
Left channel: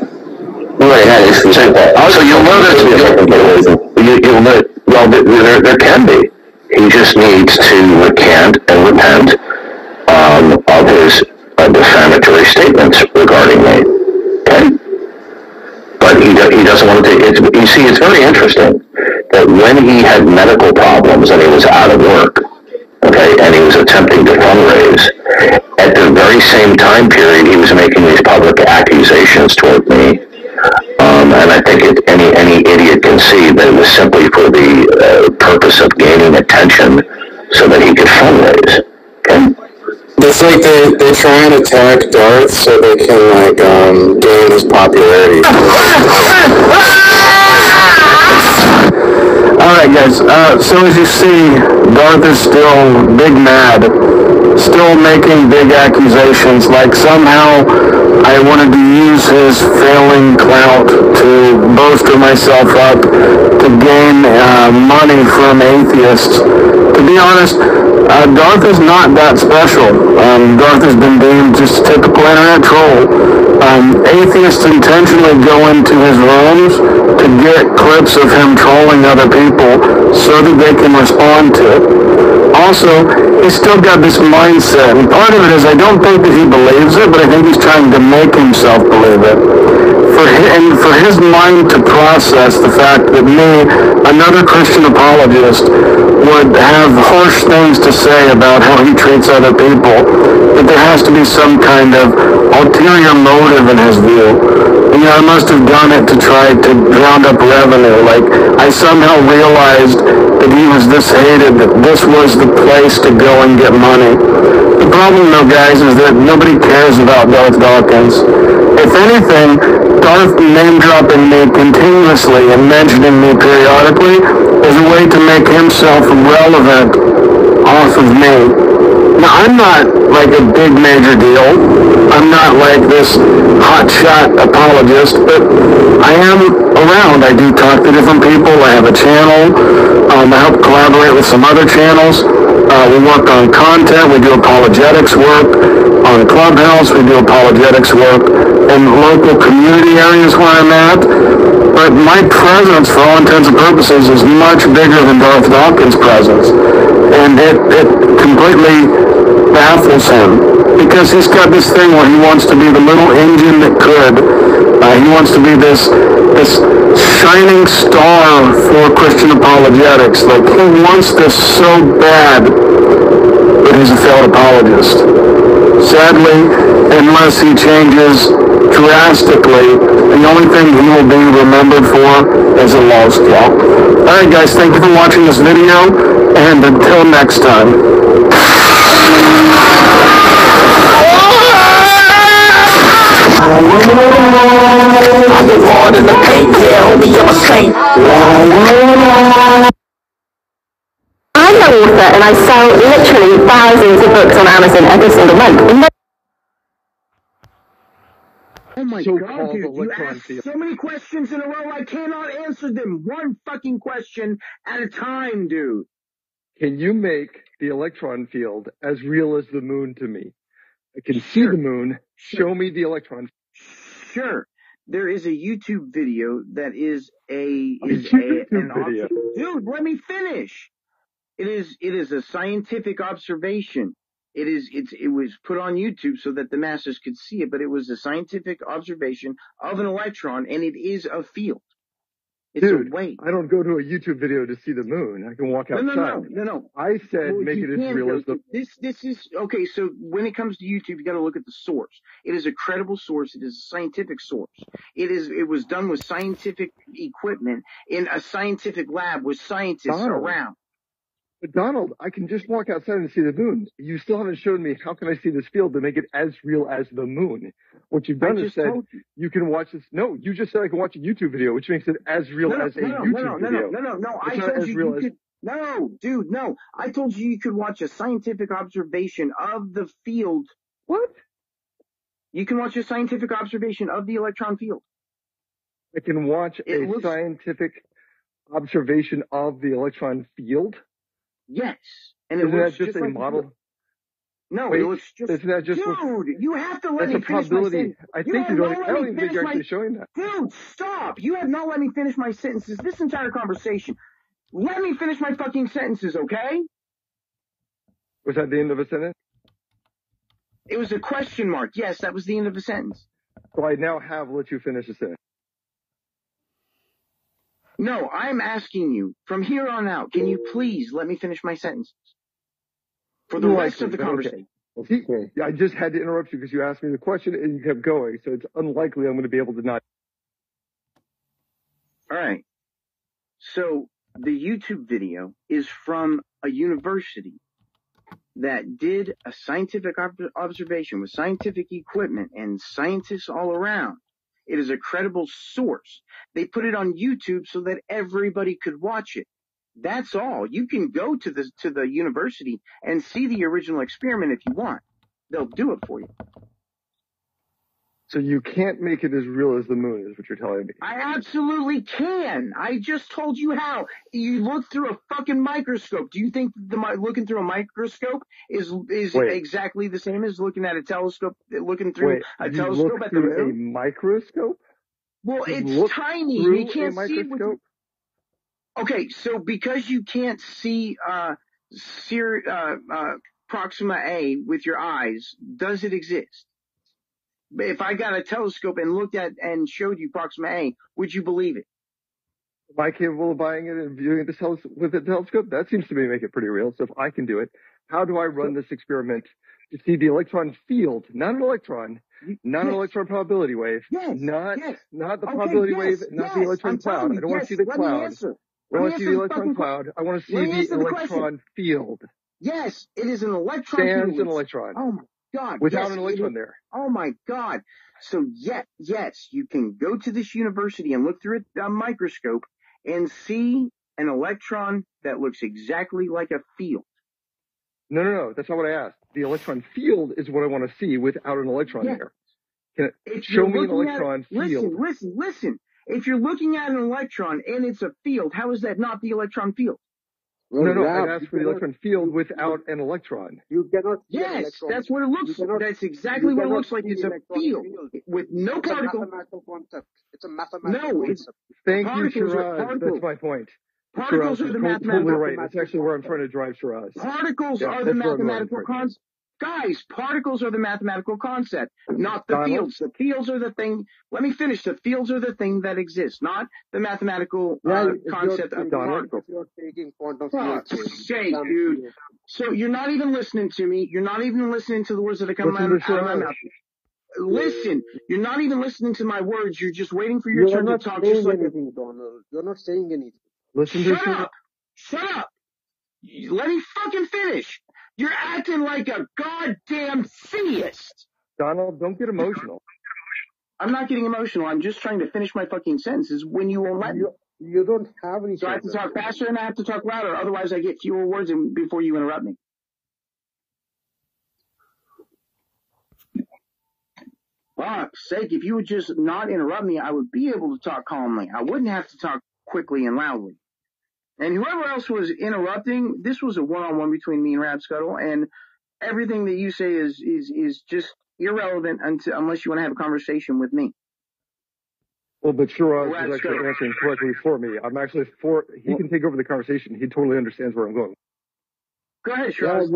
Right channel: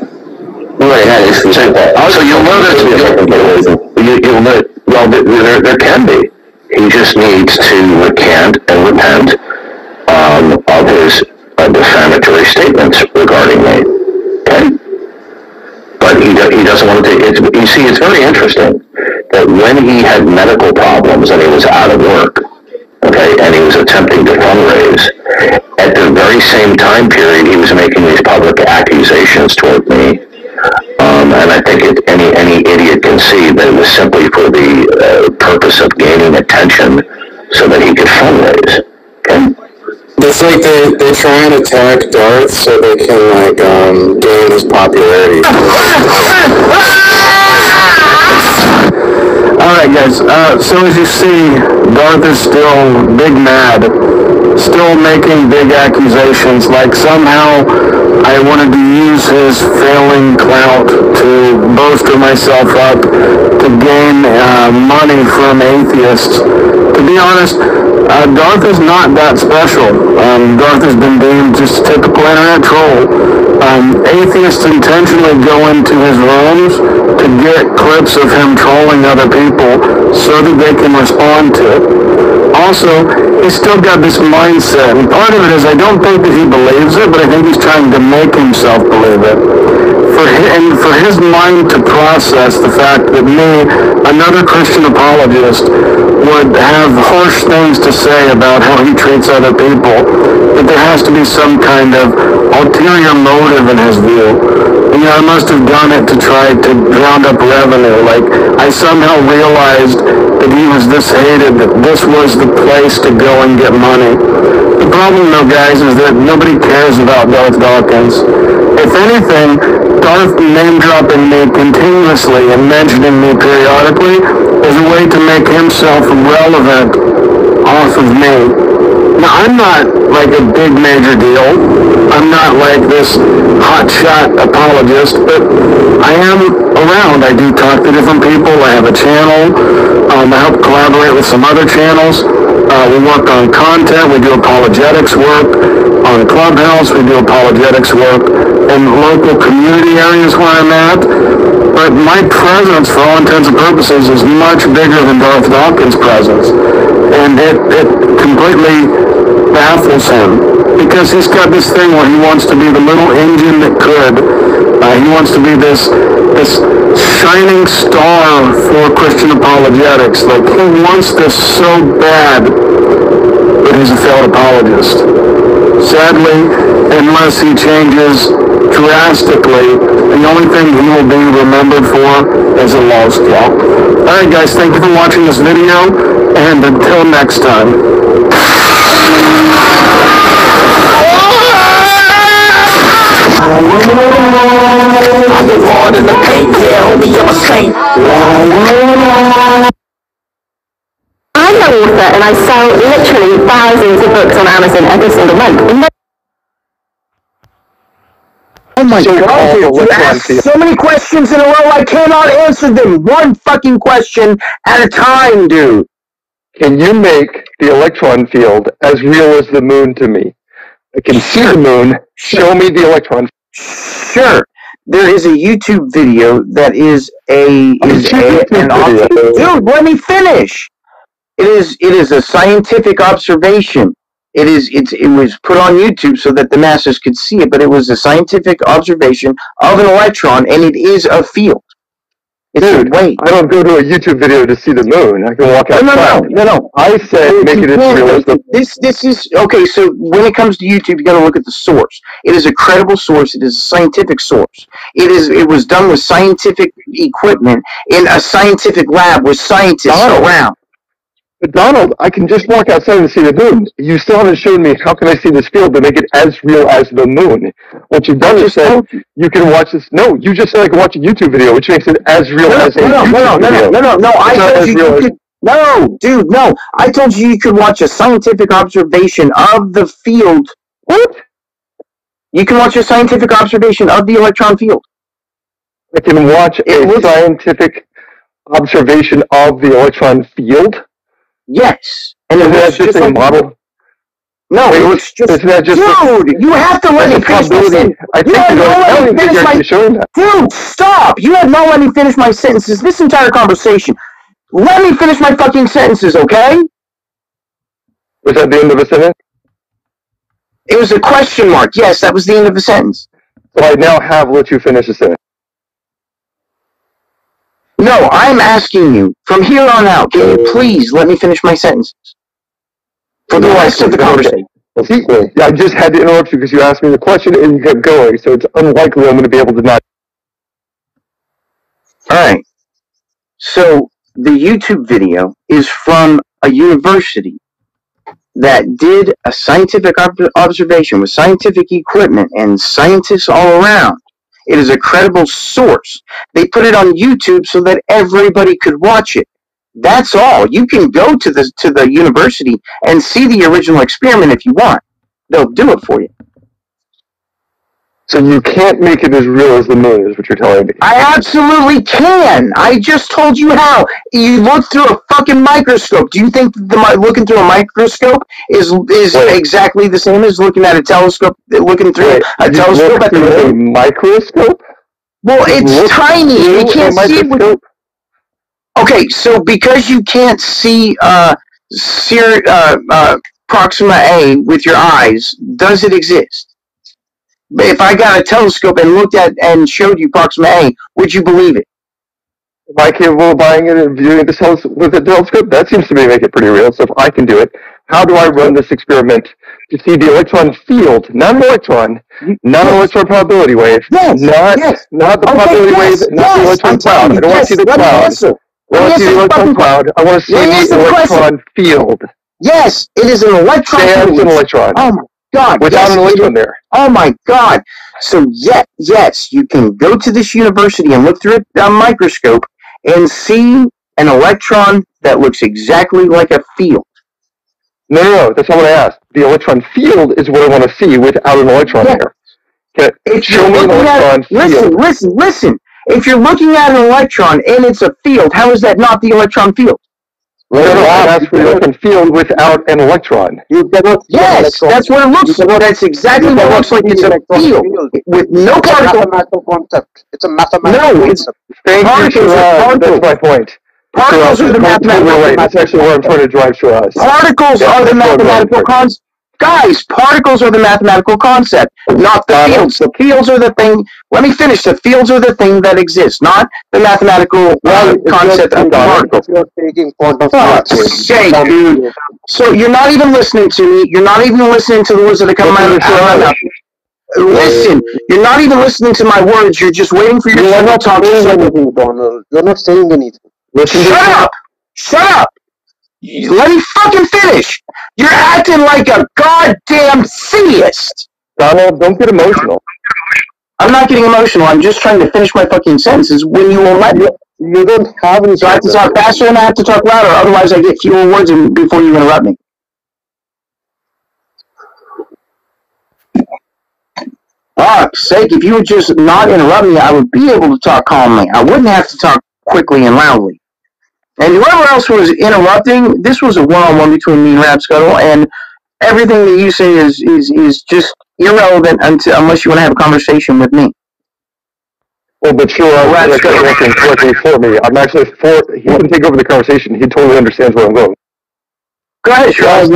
You already had issues like that. So you'll notice, there can be. He just needs to recant and repent of his defamatory statements regarding me. Okay? But he doesn't want to take it. You see, it's very interesting that when he had medical problems and he was out of work, okay, and he was attempting to fundraise, at the very same time period he was making these public accusations toward me. And I think any idiot can see that it was simply for the purpose of gaining attention so that he could fundraise. Okay? It's like they try and attack Darth so they can gain his popularity. Alright guys, so as you see, Darth is still big mad, still making big accusations, like somehow I wanted to use his failing clout to bolster myself up, to gain money from atheists. To be honest, Darth is not that special. Darth has been deemed just a typical internet troll. Atheists intentionally go into his rooms to get clips of him trolling other people so that they can respond to it. Also, he's still got this mindset, and part of it is I don't think that he believes it, but I think he's trying to make himself believe it. for his mind to process the fact that me, another Christian apologist, would have harsh things to say about how he treats other people, that there has to be some kind of ulterior motive in his view. You know, I must have done it to try to round up revenue. Like, I somehow realized that he was this hated, that this was the place to go and get money. The problem, though, guys, is that nobody cares about Darth Dawkins. If anything, Darth name-dropping me continuously and mentioning me periodically is a way to make himself relevant off of me. Now, I'm not like a big major deal. I'm not like this hotshot apologist, but I am around. I do talk to different people. I have a channel. I help collaborate with some other channels. We work on content. We do apologetics work on Clubhouse. We do apologetics work in local community areas where I'm at. But my presence, for all intents and purposes, is much bigger than Darth Dawkins' presence. And it completely baffles him, because he's got this thing where he wants to be the little engine that could. He wants to be this shining star for Christian apologetics. Like, he wants this so bad, but he's a failed apologist. Sadly, unless he changes drastically, the only thing he will be remembered for is a lost law. Alright guys, thank you for watching this video, and until next time. I'm the Lord in the paint, yeah, homie, I'm a saint. I'm an author and I sell literally thousands of books on Amazon every single month. Oh my God, you asked so many questions in a row, I cannot answer them. One fucking question at a time, dude. Can you make the electron field as real as the moon to me? I can see the moon. Show me the electron field. Sure. There is a YouTube video that is an dude, let me finish. It is a scientific observation. It was put on YouTube so that the masses could see it, but it was a scientific observation of an electron, and it is a field. Dude, I don't go to a YouTube video to see the moon. I can walk outside. No. I said make it as real as the This is okay. So when it comes to YouTube, you got to look at the source. It is a credible source. It is a scientific source. It was done with scientific equipment in a scientific lab with scientists around. But Donald, I can just walk outside and see the moon. You still haven't shown me how can I see this field to make it as real as the moon. What you've done is said you can watch this. No, you just said I can watch a YouTube video, which makes it as real as a YouTube video. No. I told you could. No, dude, no. I told you could watch a scientific observation of the field. What? You can watch a scientific observation of the electron field. I can watch a scientific observation of the electron field? Yes. And it looks just a model? No, it looks just... Dude, you have to let me finish my sentence. Dude, stop! You have not let me finish my sentences this entire conversation. Let me finish my fucking sentences, okay? Was that the end of a sentence? It was a question mark. Yes, that was the end of a sentence. So I now have let you finish the sentence. No, I'm asking you, from here on out, can you please let me finish my sentences? For the rest of the conversation. Yeah, I just had to interrupt you because you asked me the question and you kept going, so it's unlikely I'm going to be able to not. Alright. So, the YouTube video is from a university that did a scientific observation with scientific equipment and scientists all around. It is a credible source. They put it on YouTube so that everybody could watch it. That's all. You can go to the university and see the original experiment if you want. They'll do it for you. So you can't make it as real as the moon is what you're telling me. I absolutely can. I just told you how. You look through a fucking microscope. Do you think looking through a microscope is exactly the same as looking at a telescope? Looking through a telescope at the moon? A microscope? Well, it's tiny. You can't see it with... Okay, so because you can't see Proxima A with your eyes, does it exist? if I got a telescope and looked at and showed you Proxima A, would you believe it? Am I capable of buying it and viewing this house with a telescope? That seems to me make it pretty real. So if I can do it, how do I run this experiment to see the electron field, not an electron, not an electron probability wave, not the probability wave, not the electron cloud. I don't want to see the cloud. I want to see the electron cloud. I want to see the electron field. Yes, it is an electron field. field. An electron. Oh my God. Without an electron there. Oh my God. So yes, you can go to this university and look through a microscope and see an electron that looks exactly like a field. No, that's not what I asked. The electron field is what I want to see without an electron there. Okay. Show me an electron field. Listen. If you're looking at an electron and it's a field, how is that not the electron field? No, that's for the electron field without an electron. Yes, that's what it looks like. That's exactly what it looks like. It's a field with no particle. Mathematical concept. It's a mathematical concept. That's my point. Particles are the mathematical. That's actually where I'm trying to drive to us. Particles are the mathematical concept. Guys, particles are the mathematical concept, not the fields. The fields are the thing. Let me finish. The fields are the thing that exists, not the mathematical concept of the particle. You're taking quantum sake, dude. So you're not even listening to me. You're not even listening to the words that are coming out of my mouth. Listen, you're not even listening to my words. You're just waiting for your turn to talk. Donald. You're not saying anything. Shut up! Let me fucking finish! You're acting like a goddamn theist! Donald, don't get emotional. I'm not getting emotional. I'm just trying to finish my fucking sentences when you won't let me. You don't have any. So I have to talk faster and I have to talk louder, otherwise I get fewer words before you interrupt me. Fuck's sake, if you would just not interrupt me, I would be able to talk calmly. I wouldn't have to talk quickly and loudly. And whoever else was interrupting, this was a one-on-one between me and Rapscuttle, and everything that you say is just irrelevant unless you want to have a conversation with me. Well, but sure, I'm actually working correctly for me. I'm actually for. He can take over the conversation. He totally understands where I'm going. Go ahead, sure.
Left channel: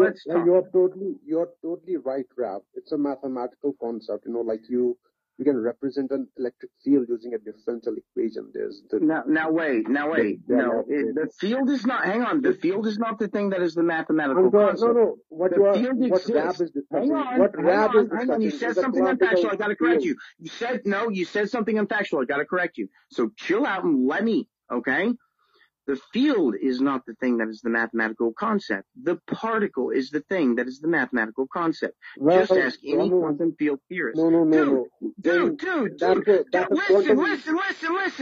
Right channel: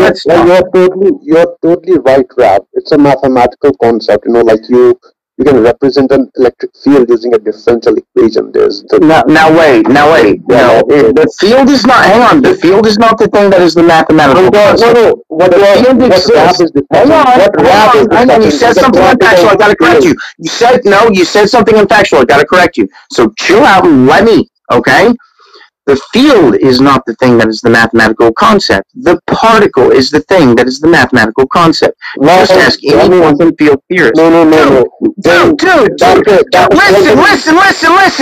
You're totally right, Rap. It's a mathematical concept. Like you can represent an electric field using a differential equation. There's the now wait. No, the field is not. Hang on. The field is not the thing that is the mathematical concept. No. What field exists? Hang on. I know you said something unfactual. I gotta correct you. You said something unfactual. I gotta correct you. So chill out and let me. Okay. The field is not the thing that is the mathematical concept. The particle is the thing that is the mathematical concept. Just ask any quantum field theorist. No. Dude.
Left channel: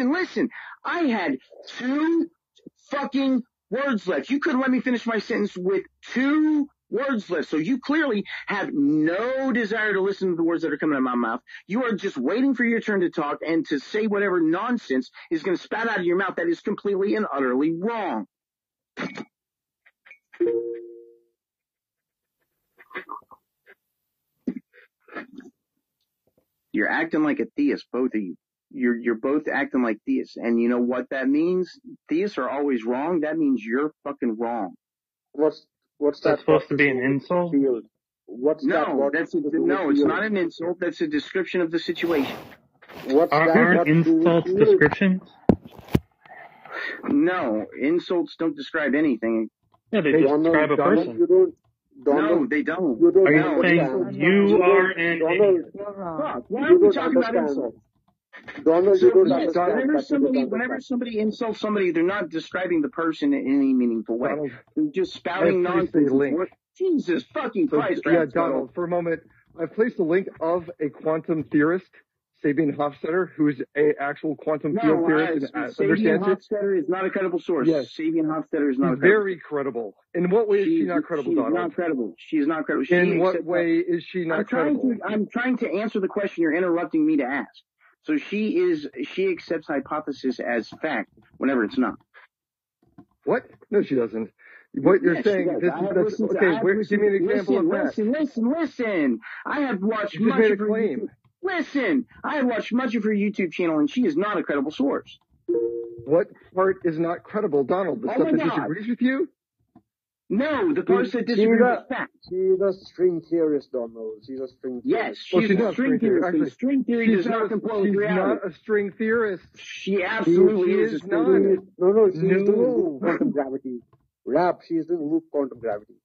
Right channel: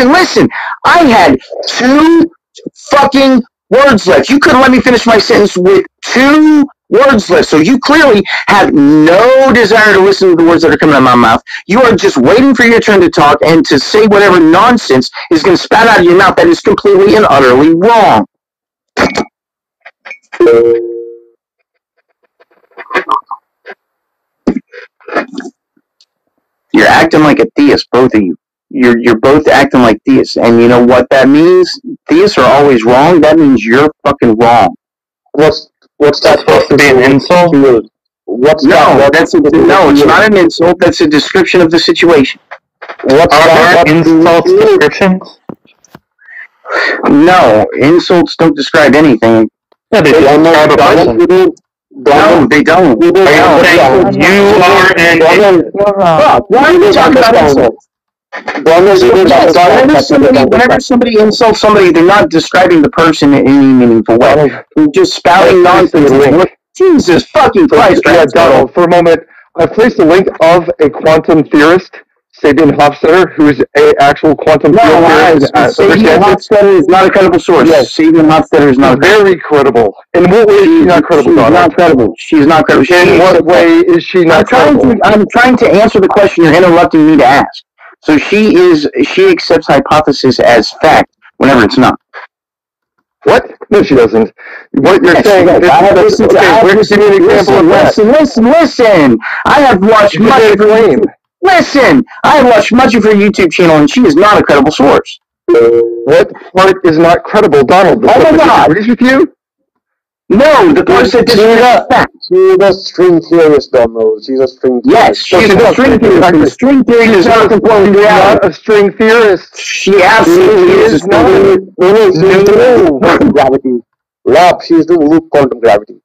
Listen. I had 2 fucking words left. You couldn't let me finish my sentence with 2 words left. So you clearly have no desire to listen to the words that are coming out of my mouth. You are just waiting for your turn to talk and to say whatever nonsense is going to spout out of your mouth that is completely and utterly wrong. You're acting like a theist, both of you. You're both acting like theists. And you know what that means? Theists are always wrong. That means you're fucking wrong. What's that supposed to be an insult? It's not an insult. That's a description of the situation. Are there insult descriptions? No, insults don't describe anything. Yeah, they describe a person. No, they don't. You are an insult. Why are you talking about insults? Whenever somebody insults somebody, they're not describing the person in any meaningful way. They're just spouting nonsense. Jesus fucking Christ. Donald, for a moment, I placed a link of a quantum theorist, Sabine Hofstadter, who is an actual quantum theorist. Sabine Hofstadter is not a credible source. Yes, Sabine Hofstadter is not very credible. In what way is she not credible? She's not credible. She's not credible. In what way is she not credible? I'm trying to answer the question you're interrupting me to ask. So she accepts hypothesis as fact whenever it's not. What? No, she doesn't. What you're saying is... Listen. I have watched much of her... Listen! I have watched much of her YouTube channel, and she is not a credible source. What part is not credible, Donald? Oh my God! Agrees with you? No, the part that she's a string theorist, Donald. She's a string theorist. Yes, she's a string theorist. The string theorist is not conforming to reality. Not a string theorist. She absolutely is. No. Gravity. Lab, she's doing loop quantum gravity.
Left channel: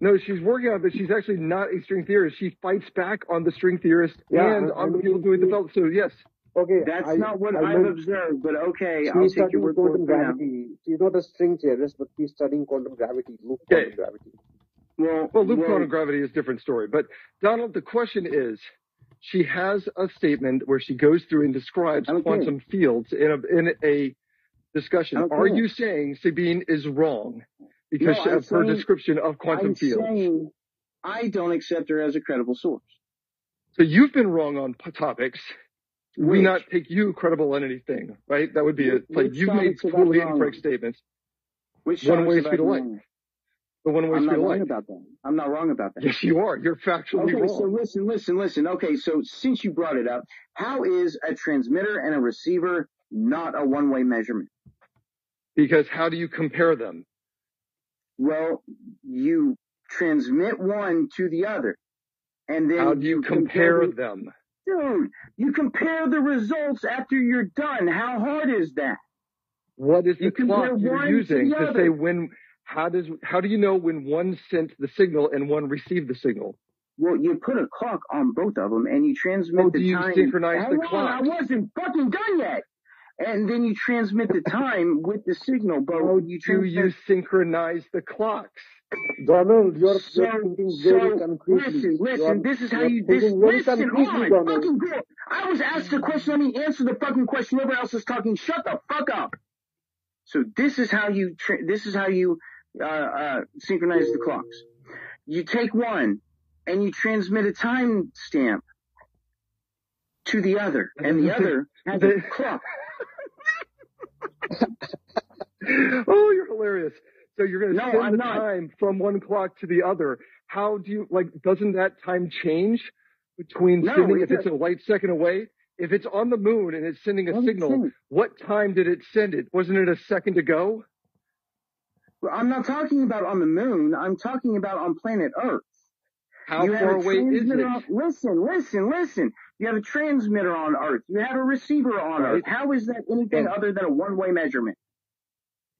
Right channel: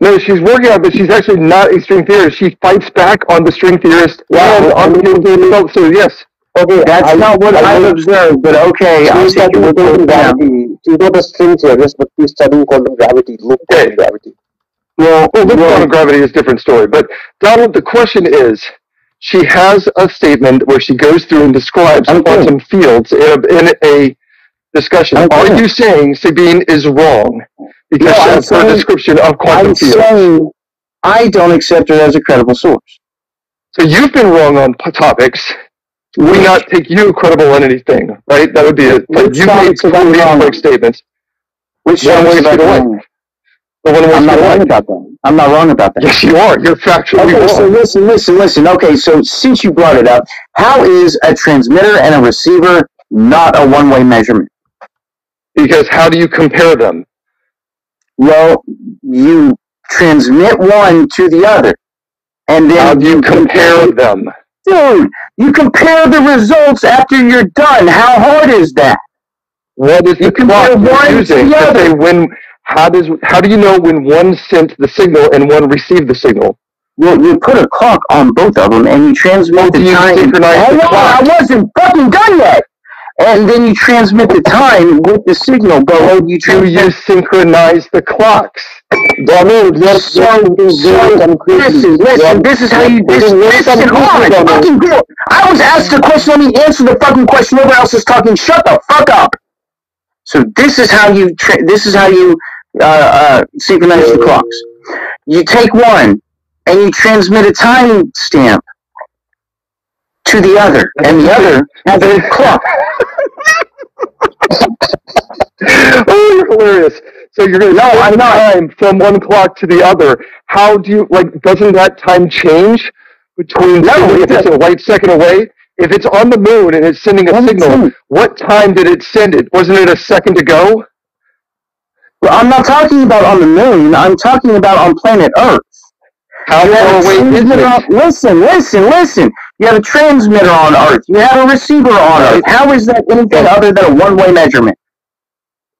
No, she's working on it, but she's actually not a string theorist. She fights back on the string theorist and on the result. So, yes. Okay, that's not what I've observed, but okay, I'll take your word for that. She's not a string theorist, but she's studying quantum gravity, loop quantum gravity. Well, quantum gravity is a different story. But, Donald, the question is, she has a statement where she goes through and describes quantum fields in a discussion. Are you saying Sabine is wrong because she has her description of quantum fields? I don't accept her as a credible source. So you've been wrong on topics. We not take you credible on anything, right? That would be it. Like, you made completely incorrect statements. Which sounds like wrong. I'm not wrong about that. I'm not wrong about that. Yes, you are. You're factually wrong. So listen. Okay, so since you brought it up, how is a transmitter and a receiver not a one-way measurement? Because how do you compare them? Well, you transmit one to the other, and then how do you compare them? Dude, you compare the results after you're done. How hard is that? What is the clock you're using to say when? How do you know when one sent the signal and one received the signal? Well, you put a clock on both of them, and you transmit the time. Synchronize the clock? I wasn't fucking done yet. And then you transmit the time with the signal, but you synchronize the clocks. Donald, listen, this is how you, listen, hold on, fucking girl. I was asked a question, let me answer the fucking question, nobody else is talking, shut the fuck up. So this is how you, synchronize the clocks. You take one, and you transmit a time stamp to the other, and the other has a clock. Oh, you're hilarious. So you're going to time from one clock to the other. How do you, doesn't that time change between, if it's a light second away? If it's on the moon and it's sending a signal, what time did it send it? Wasn't it a second ago? Well, I'm not talking about on the moon. I'm talking about on planet Earth. How far away is it? Listen. You have a transmitter on Earth. You have a receiver on Earth. How is that anything other than a one-way measurement?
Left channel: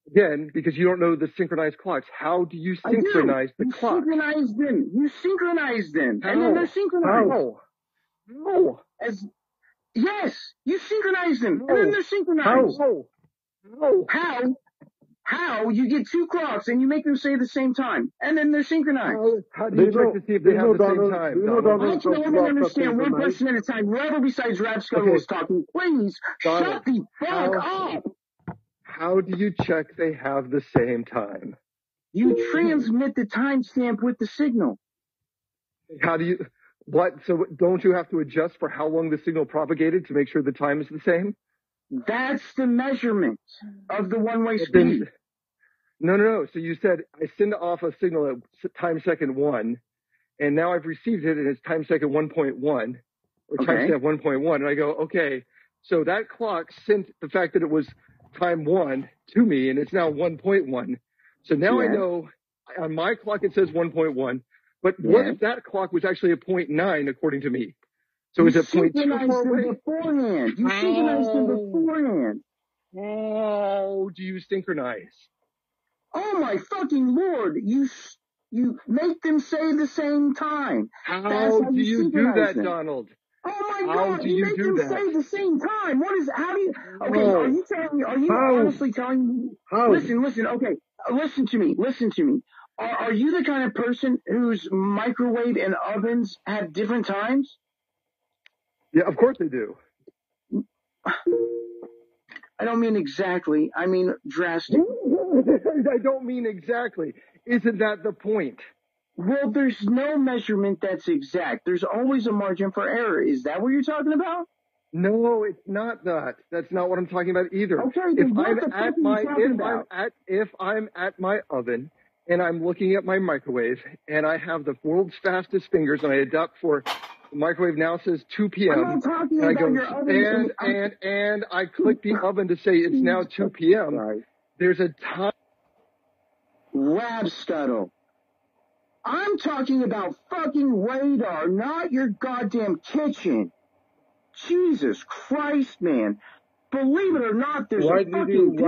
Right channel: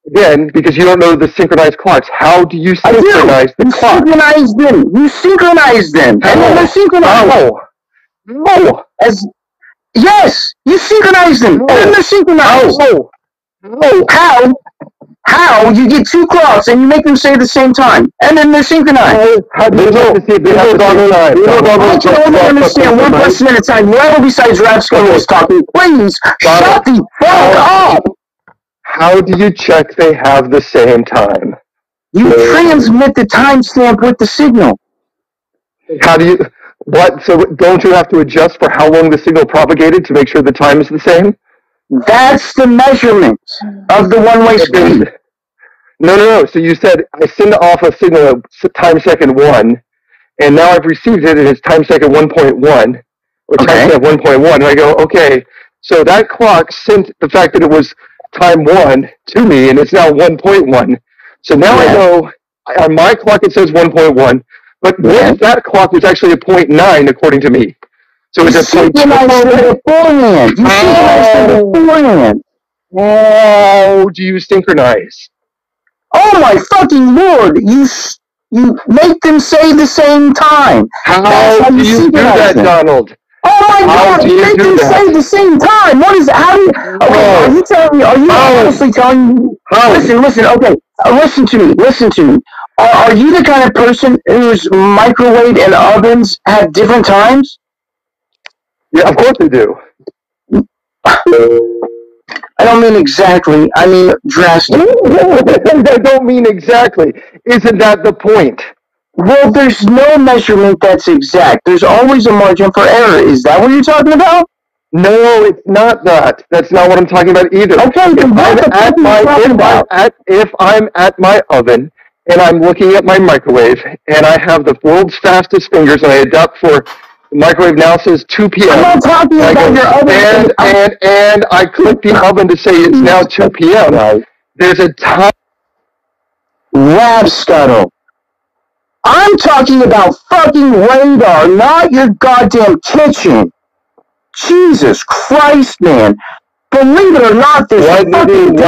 Again, because you don't know the synchronized clocks. How do you synchronize the clocks? You synchronize them. How? And then they're synchronized. No. Yes, you synchronize them. And then they're synchronized. No. How? You get two clocks and you make them say the same time. And then they're synchronized. How do you know to see if they have the same time? I can only understand one person at a time. Whoever besides Rapsco is talking, please shut the fuck up. How do you check they have the same time? You transmit the timestamp with the signal. How do you... What? So don't you have to adjust for how long the signal propagated to make sure the time is the same? That's the measurement of the one-way speed. No. So you said, I send off a signal at time second 1, and now I've received it, and it's time second 1.1, or time second 1.1, and I go, okay, so that clock sent the fact that it was time 1 to me, and it's now 1.1. So now I know, on my clock it says 1.1, but that clock was actually a 0.9 according to me. So it's a 0.2. How do you synchronize? Oh my fucking lord! You make them say the same time. How do you do that, Donald? Oh my god! You make them say the same time. What is? How do you? Okay, are you telling me? Are you honestly telling me? Listen. Okay, listen to me. Are you the kind of person whose microwave and ovens have different times? Yeah, of course they do. I don't mean exactly. I mean drastically. I don't mean exactly. Isn't that the point? Well, there's no measurement that's exact. There's always a margin for error. Is that what you're talking about? No, it's not that. That's not what I'm talking about either. Okay, if I'm at my oven and I'm looking at my microwave and I have the world's fastest fingers and I adapt for the microwave now says 2 p.m. I'm not talking about your oven. And I click the oven to say it's now 2 p.m. There's a time. Rab Scuttle. I'm talking about fucking radar, not your goddamn kitchen. Jesus Christ, man. Believe it or not, this Why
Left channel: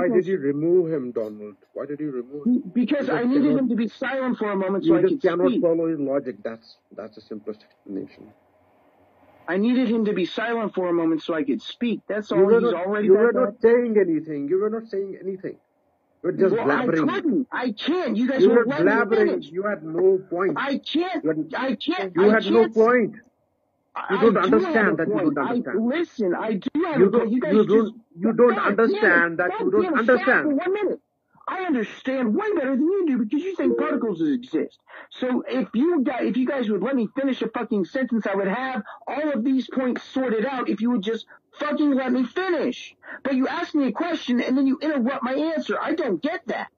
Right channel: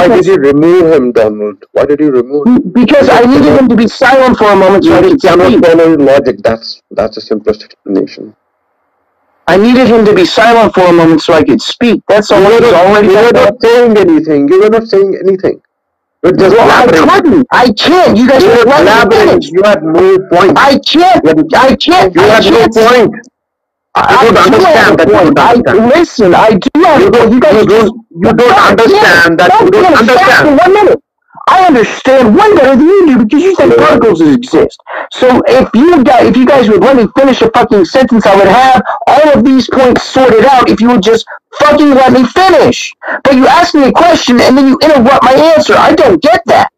did you remove him, Donald? Why did you remove him? Because I needed him to be silent for a moment so I could speak. Follow logic. That's the simplest explanation. I needed him to be silent for a moment so I could speak. That's all. You were not saying anything. You were not saying anything. You're just I can't. You guys are elaborating. You had no point. I can't. You had no point. I don't understand that. Listen, I do have a point. You don't understand that. You don't understand. 1 minute. I understand way better than you do because you said particles exist. So if you guys would let me finish a fucking sentence, I would have all of these points sorted out if you would just fucking let me finish. But you ask me a question and then you interrupt my answer. I don't get that.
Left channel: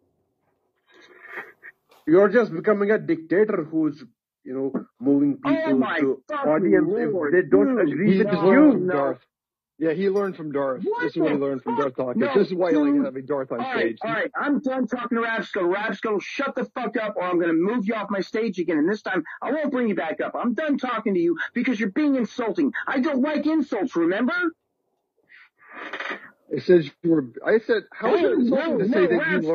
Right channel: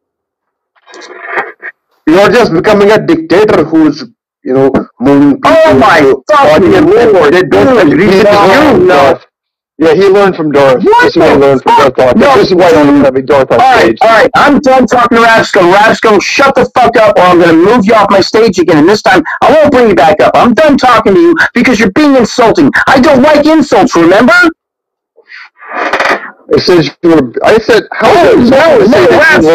You're just becoming a dictator who's, moving people. Oh my fucking lord. They don't agree with you. No. Yeah, he learned from Darth. This is what he learned from Darth. No. This is why I don't have a Darth on stage. All right, I'm done talking to Rabsco. Rabsco, shut the fuck up or I'm going to move you off my stage again. And this time, I won't bring you back up. I'm done talking to you because you're being insulting. I don't like insults, remember? I said, how? Rabsco.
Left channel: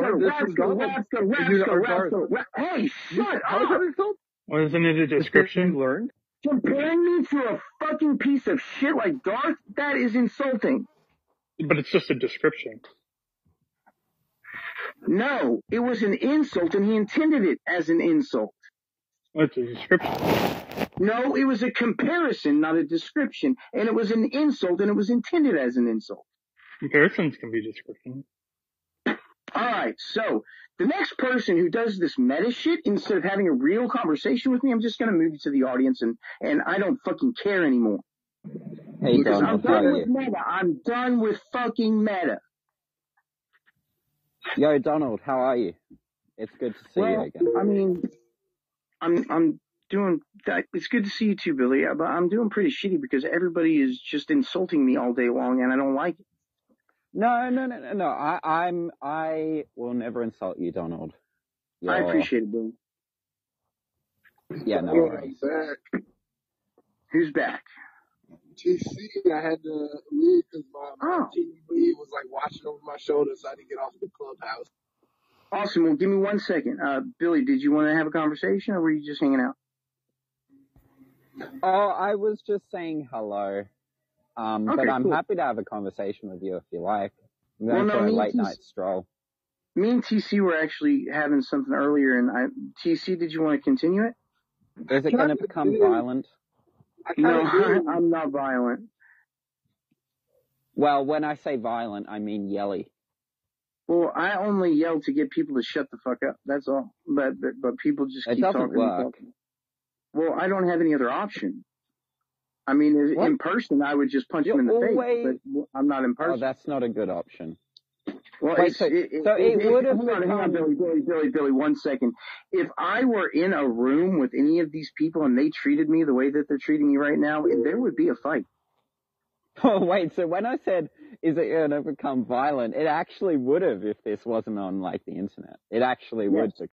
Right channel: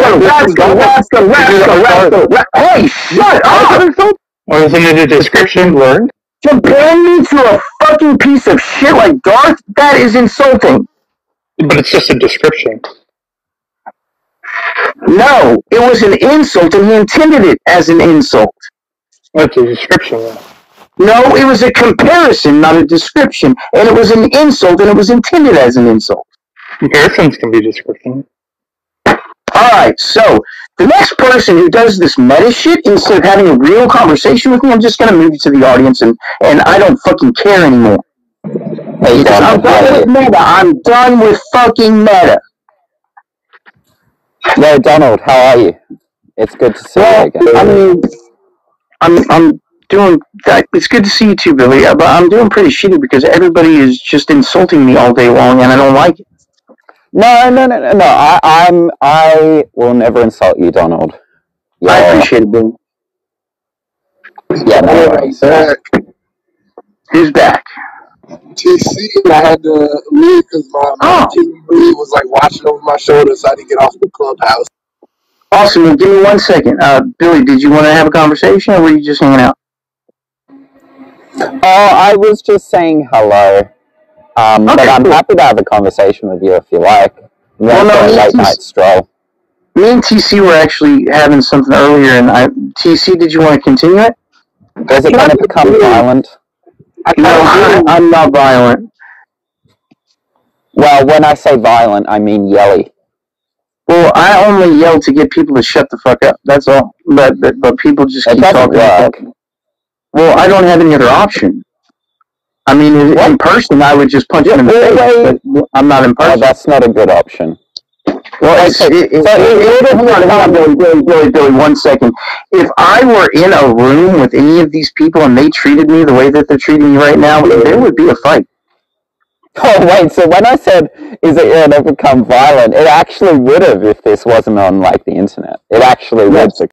Hey, shut up! Wasn't it a description learned? Comparing me to a fucking piece of shit like Darth, that is insulting. But it's just a description. No, it was an insult and he intended it as an insult. That's a description. No, it was a comparison, not a description. And it was an insult and it was intended as an insult. Comparisons can be description. Alright, so the next person who does this meta shit, instead of having a real conversation with me, I'm just going to move you to the audience and I don't fucking care anymore. Hey, I'm done with meta. I'm done with fucking meta. Yo, Donald, how are you? It's good to see you again. I mean, I'm doing that. It's good to see you too, Billy, but I'm doing pretty shitty because everybody is just insulting me all day long and I don't like it. No. I will never insult you, Donald. I appreciate it, Billy. Yeah, no worries. Who's back? TC, I had to leave because my TV was like watching over my shoulder, so I had to get off the clubhouse. Awesome. Well, give me 1 second. Billy, did you want to have a conversation or were you just hanging out? Oh, I was just saying hello. But I'm happy to have a conversation with you if you like. Late night stroll. Me and TC were actually having something earlier, and TC, did you want to continue it? Does it kind of become violent? No, I'm not violent. Well, when I say violent, I mean yelly. Well, I only yell to get people to shut the fuck up. That's all. But people just keep talking. Well, I don't have any other option. I mean, in person, I would just punch him in the face, but I'm not in person. Oh, that's not a good option. Well, Billy, 1 second. If I were in a room with any of these people and they treated me the way that they're treating me right now, there would be a fight. Oh, wait, so when I said, is it going to become violent, it actually would have if this wasn't on, the internet. It actually would.